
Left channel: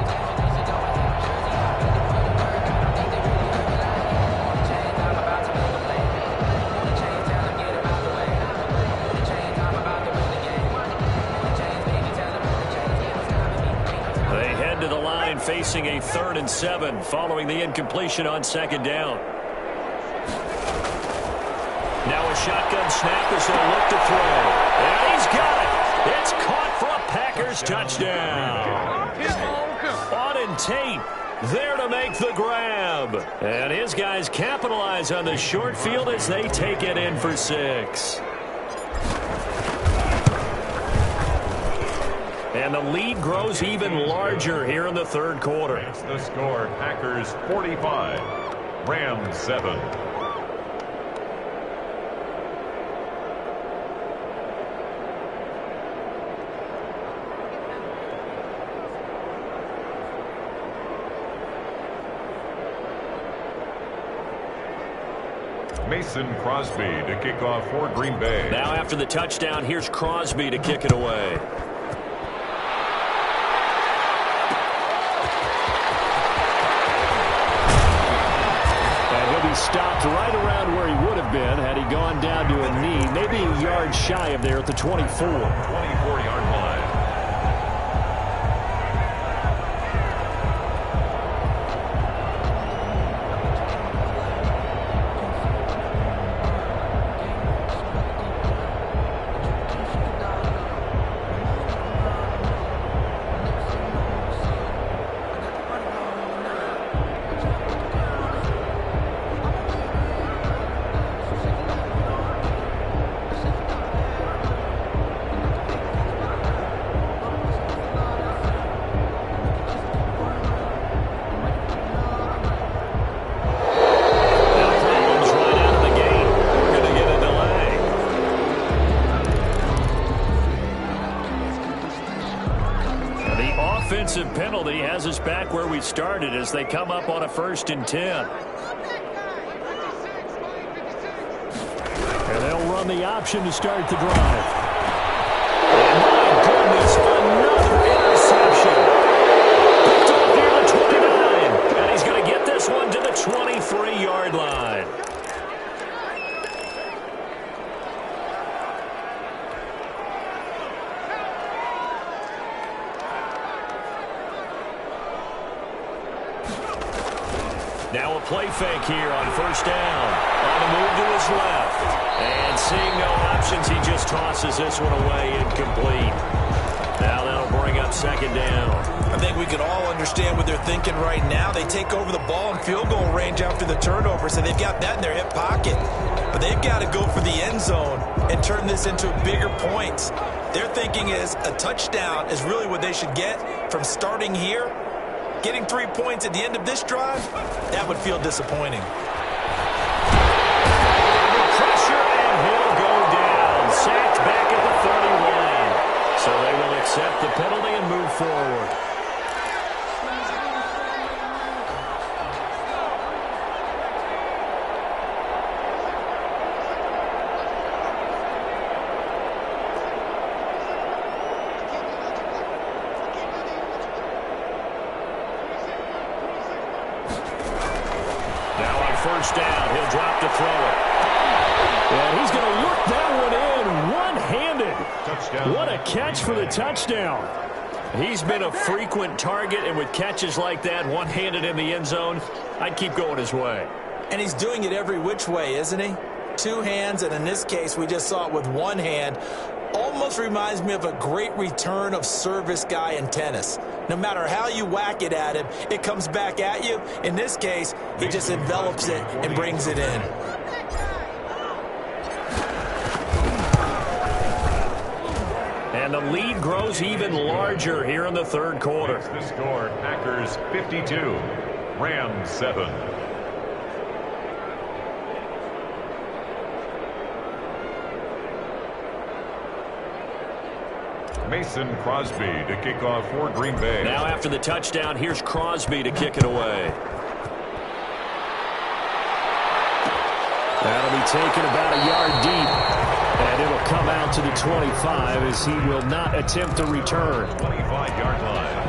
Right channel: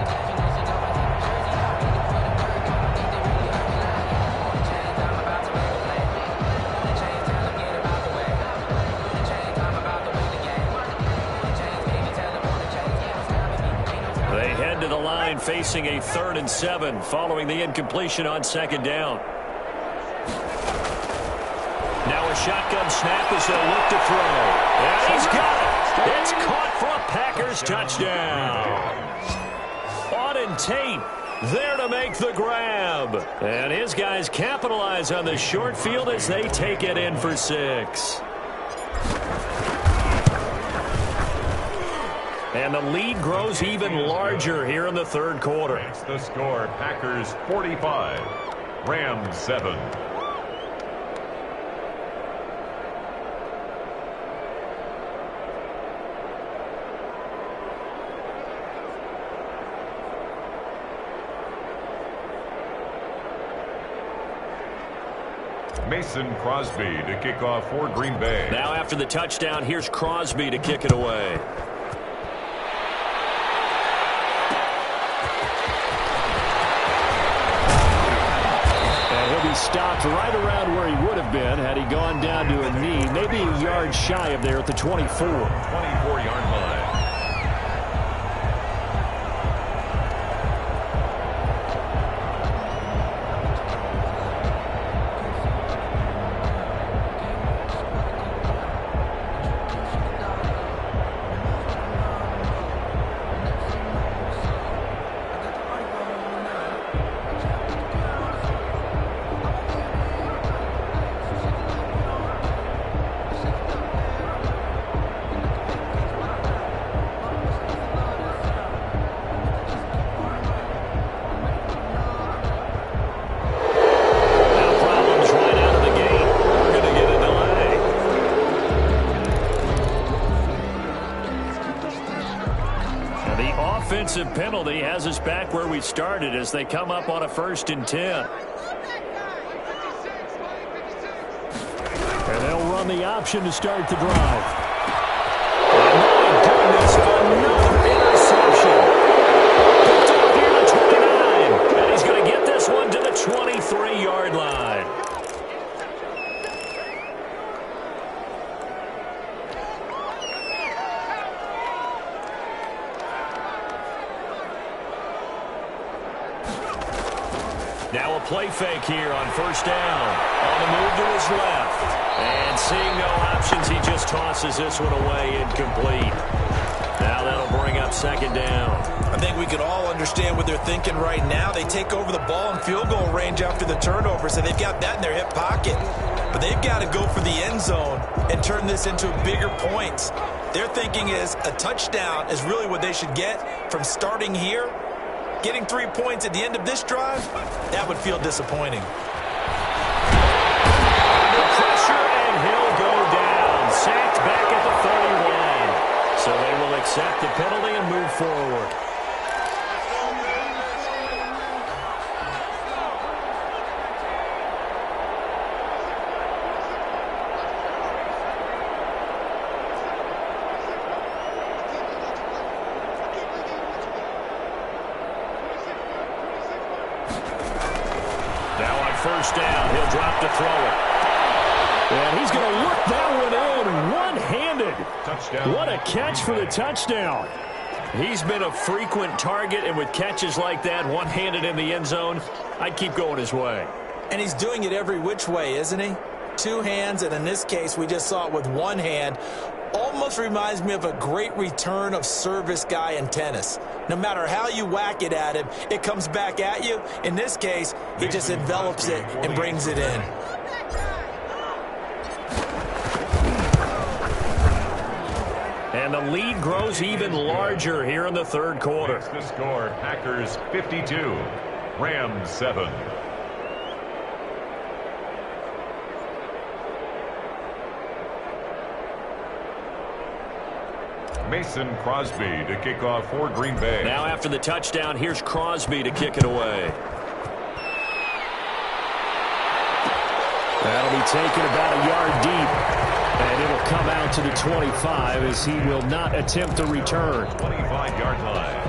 They head to the line facing a 3rd and 7 following the incompletion on 2nd down. Now a shotgun snap as they'll look to throw. And he's got it. It's caught for a Packers touchdown. Auden Tate there to make the grab. And his guys capitalize on the short field as they take it in for 6. And the lead grows even larger here in the 3rd quarter. It's the score, Packers 45, Rams 7. Mason Crosby to kick off for Green Bay. Now after the touchdown, here's Crosby to kick it away. And he'll be stopped right around where he would have been had he gone down to a knee, maybe a yard shy of there at the 24. 24-yard line. Offensive penalty has us back where we started as they come up on a 1st and 10. And they'll run the option to start the drive. And my goodness, another interception. Picked off near the 29. And he's going to get this one to the 23-yard line. Now a play fake here on 1st down. On the move to his left. And seeing no options, he just tosses this one away incomplete. Now that'll bring up 2nd down. I think we could all understand what they're thinking right now. They take over the ball in field goal range after the turnover, so they've got that in their hip pocket. But they've got to go for the end zone and turn this into bigger points. Their thinking is a touchdown is really what they should get from starting here. Getting 3 points at the end of this drive, that would feel disappointing. Under pressure, and he'll go down. Sacked back at the 31. So they will accept the penalty and move forward. First down, he'll drop to throw it. And he's going to look that one in one-handed. Touchdown. What a catch for the touchdown. He's been a frequent target, and with catches like that, one-handed in the end zone, I'd keep going his way. And he's doing it every which way, isn't he? Two hands, and in this case, we just saw it with one hand. Almost reminds me of a great return of service guy in tennis. No matter how you whack it at him, it comes back at you. In this case, he just envelops it and brings it in. And the lead grows even larger here in the third quarter. The score, Packers 52, Rams 7. Mason Crosby to kick off for Green Bay. Now after the touchdown, here's Crosby to kick it away. That'll be taken about a yard deep, and it'll come out to the 25 as he will not attempt to return. 25-yard line.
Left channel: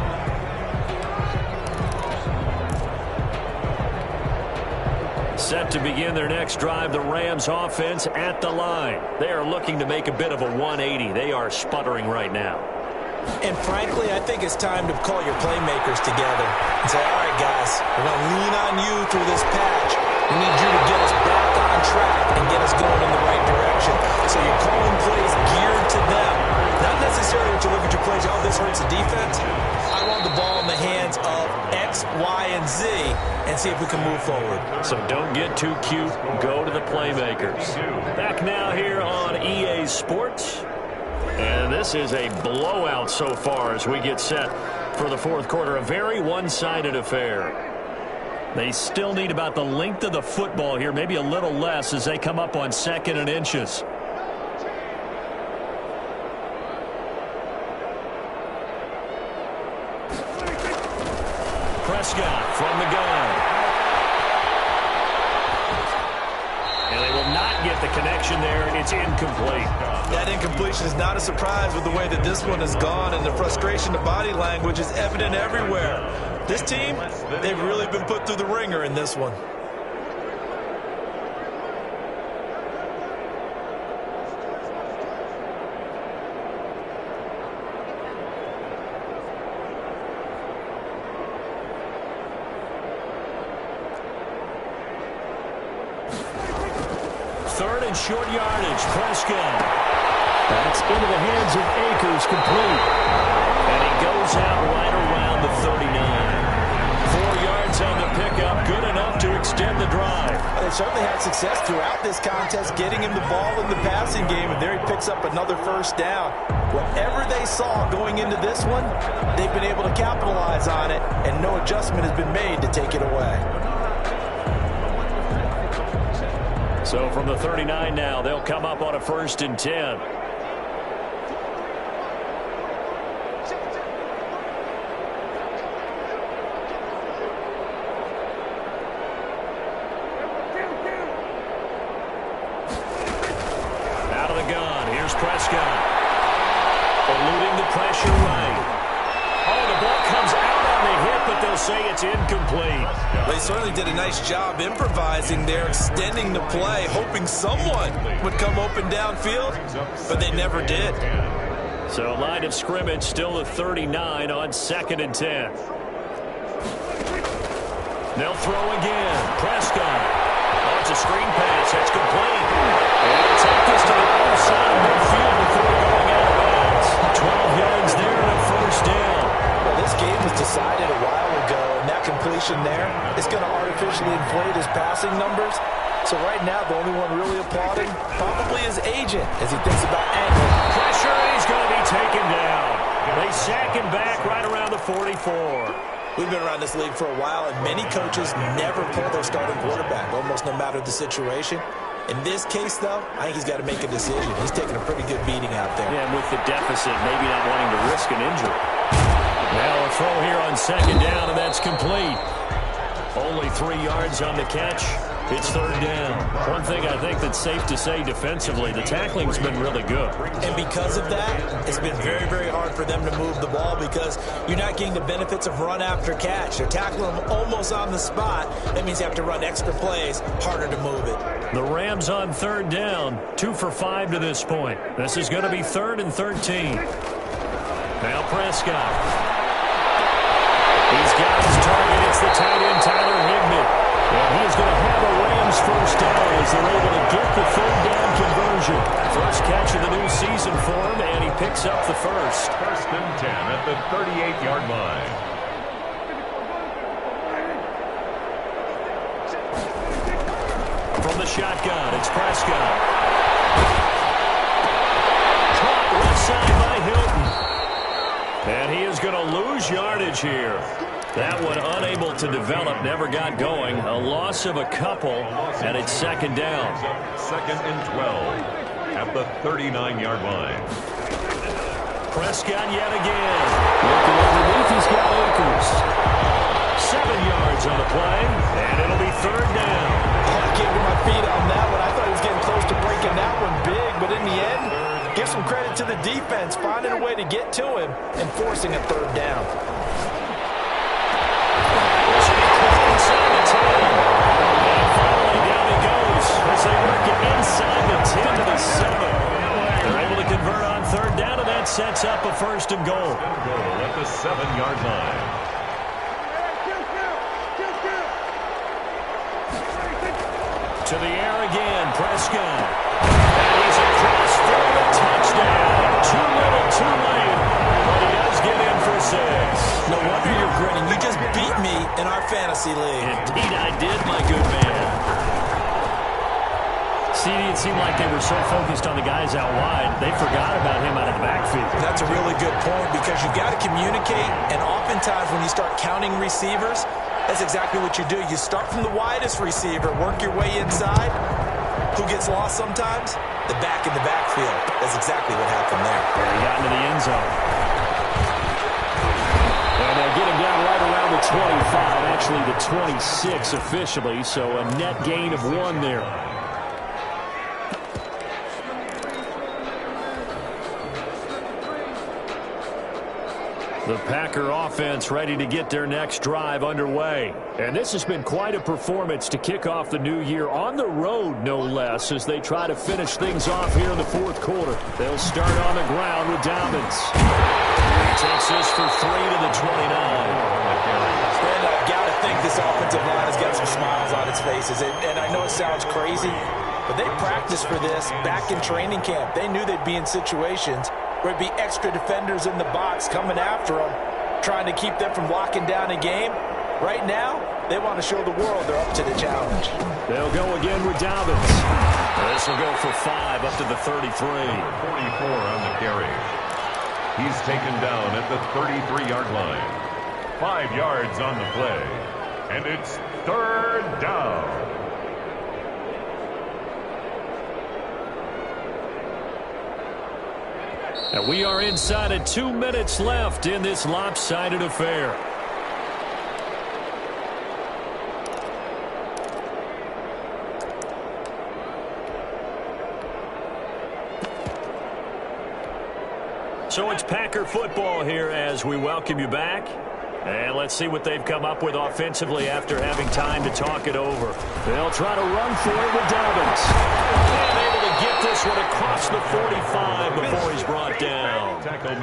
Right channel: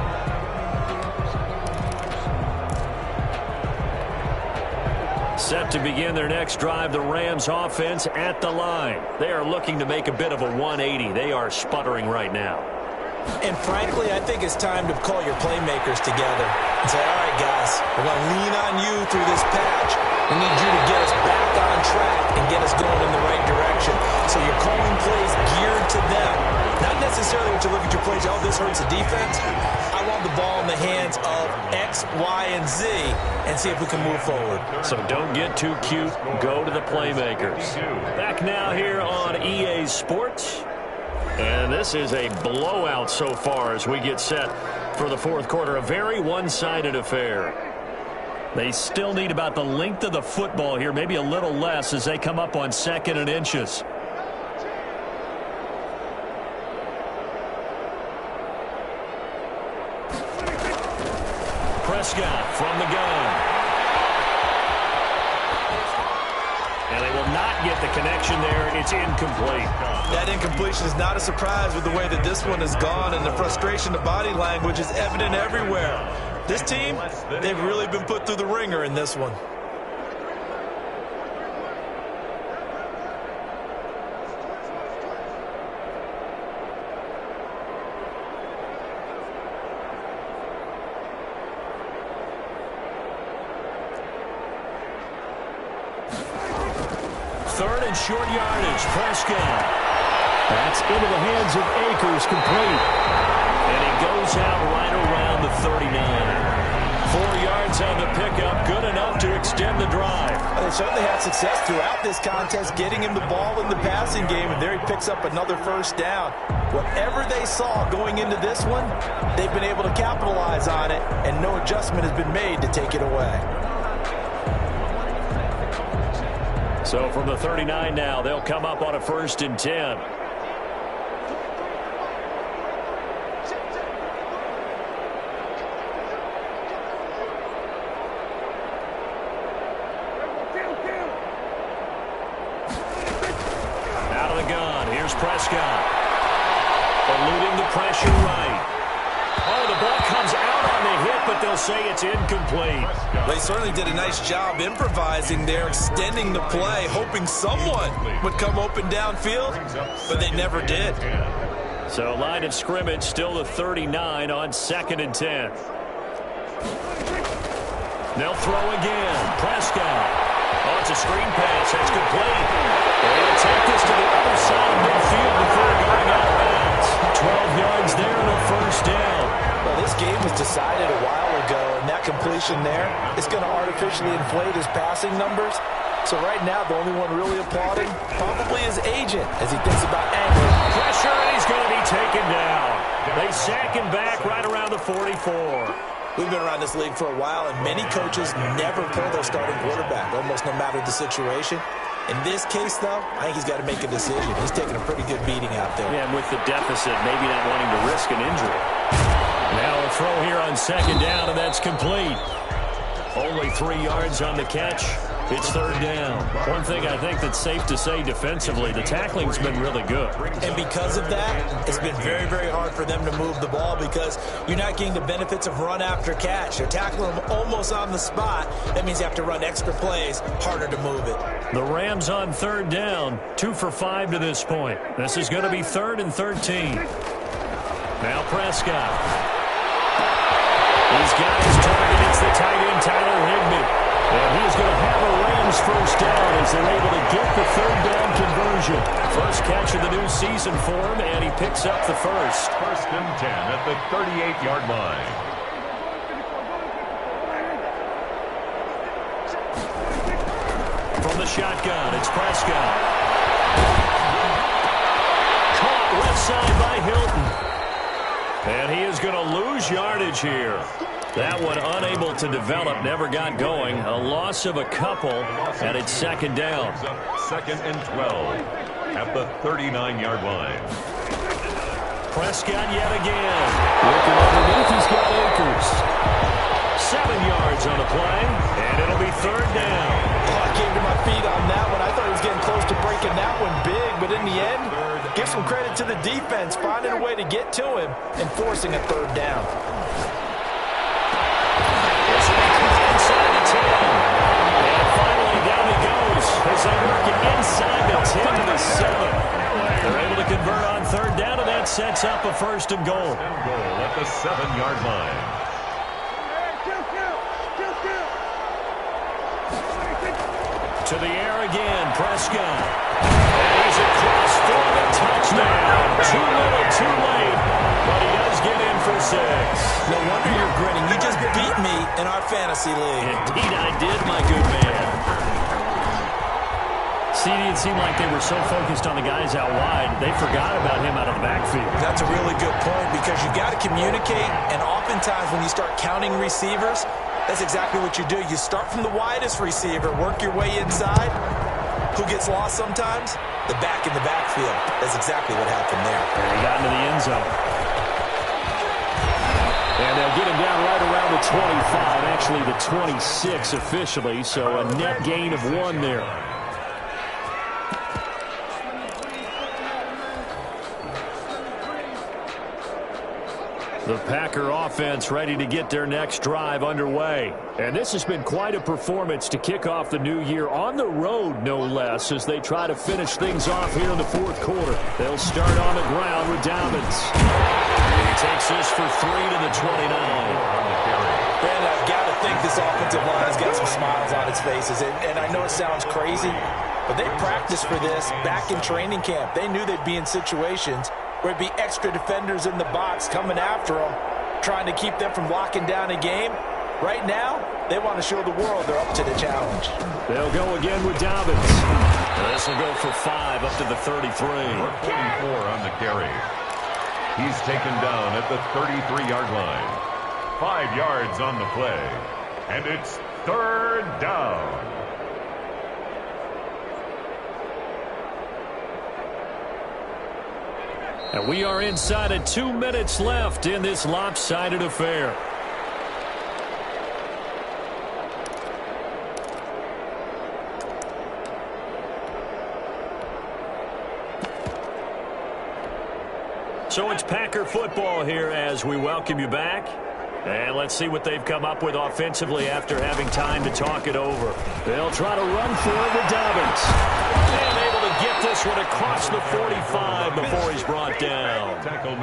Set to begin their next drive, the Rams offense at the line. They are looking to make a bit of a 180. They are sputtering right now. And frankly, I think it's time to call your playmakers together and say, all right, guys, we're going to lean on you through this patch. We need you to get us back on track and get us going in the right direction. So you're calling plays geared to them. Not necessarily that you look at your plays, oh, this hurts the defense. I want the ball in the hands of X, Y, and Z and see if we can move forward. So don't get too cute. Go to the playmakers. Back now here on EA Sports. And this is a blowout so far as we get set for the fourth quarter. A very one-sided affair. They still need about the length of the football here, maybe a little less as they come up on 2nd and inches. Prescott from the gun. And they will not get the connection there. It's incomplete. That incompletion is not a surprise with the way that this one has gone, and the frustration, the body language is evident everywhere. This team, they've really been put through the ringer in this one. Third and short yardage, Prescott. That's into the hands of Akers, complete. And he goes out right around the 39. 4 yards on the pickup, good enough to extend the drive. They certainly had success throughout this contest, getting him the ball in the passing game, and there he picks up another first down. Whatever they saw going into this one, they've been able to capitalize on it, and no adjustment has been made to take it away. So from the 39 now, they'll come up on a 1st and 10. Out of the gun, here's Prescott. Eluding the pressure right. Oh, the ball comes out on the hit, but they'll say it's incomplete. They certainly did a nice job improvising there, extending the play, hoping someone would come open downfield, but they never did. So line of scrimmage, still the 39 on 2nd and 10. They'll throw again. Prescott. Oh, it's a screen pass. That's complete. And he'll take this to the other side of midfield before going out of bounds. 12 yards there and a first down. Well, this game was decided a while ago, and that completion there is going to artificially inflate his passing numbers. So right now, the only one really applauding probably his agent as he thinks about angle. Pressure, and he's going to be taken down. They sack him back right around the 44. We've been around this league for a while, and many coaches never pull their starting quarterback, almost no matter the situation. In this case, though, I think he's got to make a decision. He's taking a pretty good beating out there. Yeah, and with the deficit, maybe not wanting to risk an injury. Now a throw here on second down, and that's complete. Only 3 yards on the catch. It's third down. One thing I think that's safe to say defensively, the tackling's been really good. And because of that, it's been very, very hard for them to move the ball because you're not getting the benefits of run after catch. They're tackling them almost on the spot. That means you have to run extra plays, harder to move it. The Rams on third down, 2 for 5 to this point. This is going to be 3rd and 13. Now Prescott. He's got his target. It's the tight end, Tyler Higbee. And he's going to have a Rams first down as they're able to get the third down conversion. First catch of the new season for him, and he picks up the first. 1st and 10 at the 38-yard line. From the shotgun, it's Prescott. Caught left side by Hilton. And he is going to lose yardage here. That one unable to develop, never got going. A loss of a couple, and it's second down. 2nd and 12 at the 39-yard line. Prescott yet again. Looking underneath, he's got Akers. 7 yards on the play, and it'll be third down. Oh, I came to my feet on that one. I thought he was getting close to breaking that one big, but in the end, give some credit to the defense, finding a way to get to him and forcing a third down. This will be caught inside the 10. And finally, down he goes as they work it inside the 10 to the 7. They're able to convert on third down, and that sets up a 1st and goal. At the 7-yard line. To the air again, Prescott. And he's across for the touchdown. Too little, too late. But he does get in for 6. No wonder you're grinning. You just beat me in our fantasy league. Indeed I did, my good man. See, it seemed like they were so focused on the guys out wide, they forgot about him out of the backfield. That's a really good point because you've got to communicate, and oftentimes when you start counting receivers, that's exactly what you do. You start from the widest receiver, work your way inside. Who gets lost sometimes? The back in the backfield. That's exactly what happened there. And he got into the end zone. And they'll get him down right around the 25, actually the 26 officially, so a net gain of 1 there. The Packer offense ready to get their next drive underway. And this has been quite a performance to kick off the new year on the road, no less, as they try to finish things off here in the 4th quarter. They'll start on the ground with Dobbins. He takes this for 3 to the 29. And I've got to think this offensive line has got some smiles on its faces. And I know it sounds crazy, but they practiced for this back in training camp. They knew they'd be in situations where it'd be extra defenders in the box coming after them, trying to keep them from locking down a game. Right now, they want to show the world they're up to the challenge. They'll go again with Dobbins. This will go for 5 up to the 33. 44 on the carry. He's taken down at the 33-yard line. 5 yards on the play. And it's third down. And we are inside of 2 minutes left in this lopsided affair. So it's Packer football here as we welcome you back. And let's see what they've come up with offensively after having time to talk it over. They'll try to run for it with Dobbins. And able to get this one across the 45 before he's brought down.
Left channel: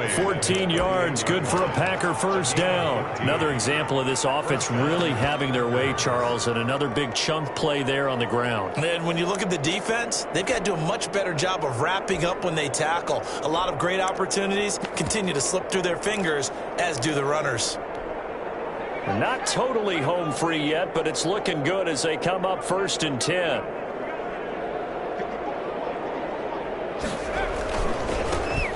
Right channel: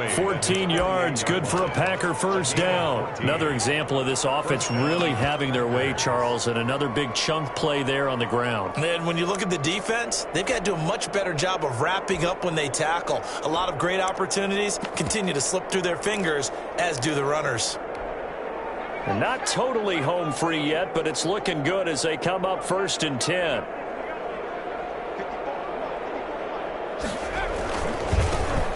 14 yards, good for a Packer first down. Another example of this offense really having their way, Charles, and another big chunk play there on the ground. And when you look at the defense, they've got to do a much better job of wrapping up when they tackle. A lot of great opportunities continue to slip through their fingers, as do the runners. Not totally home free yet, but it's looking good as they come up 1st and 10.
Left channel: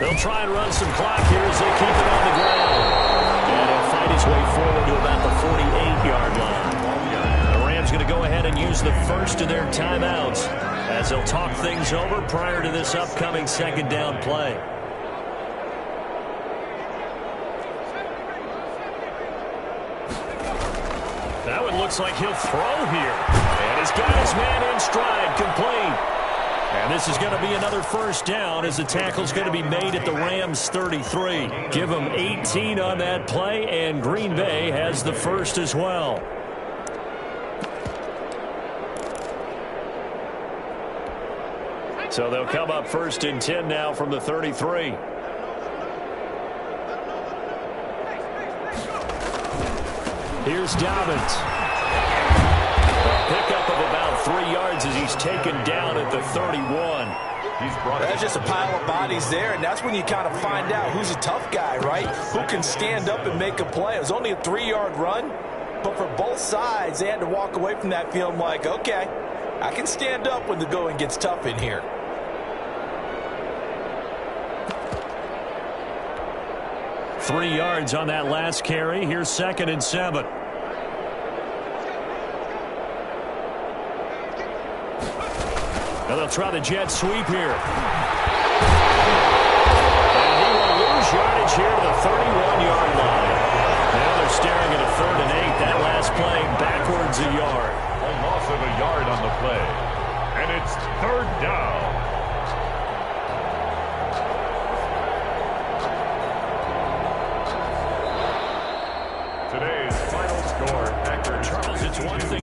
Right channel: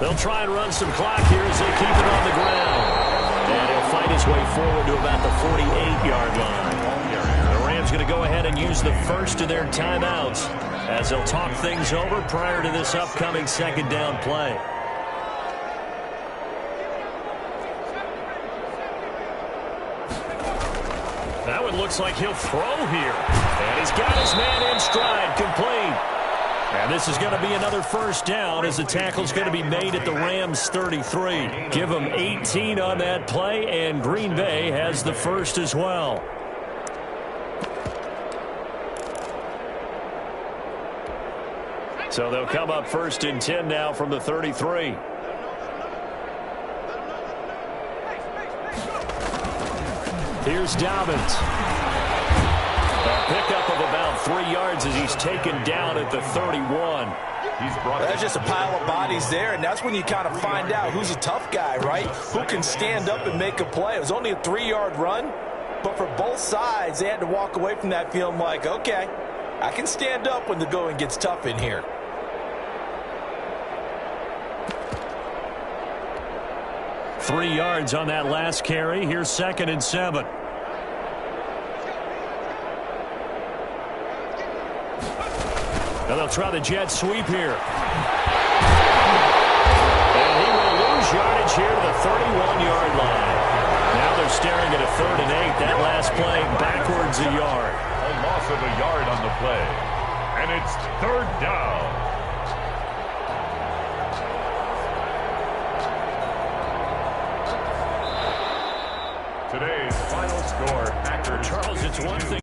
They'll try and run some clock here as they keep it on the ground. And he'll fight his way forward to about the 48-yard line. The Rams going to go ahead and use the first of their timeouts as they'll talk things over prior to this upcoming second down play. That one looks like he'll throw here. And he's got his man in stride, complete. And this is going to be another first down as the tackle's going to be made at the Rams 33. Give them 18 on that play, and Green Bay has the first as well. So they'll come up first and 10 now from the 33. Here's Dobbins. A pickup of about 3 yards as he's taken down at the 31. That's just a pile of bodies there, and that's when you kind of find out who's a tough guy, right? Who can stand up and make a play. It was only a 3-yard run, but for both sides, they had to walk away from that feeling like, okay, I can stand up when the going gets tough in here. Three yards on that last carry. Here's 2nd and 7. Now they'll try the jet sweep here. And he will lose yardage here to the 31-yard line. Now they're staring at a 3rd and 8. That last play backwards a yard. A loss of a yard on the play. And it's 3rd down. Today's final score, Packers. Charles, it's one thing.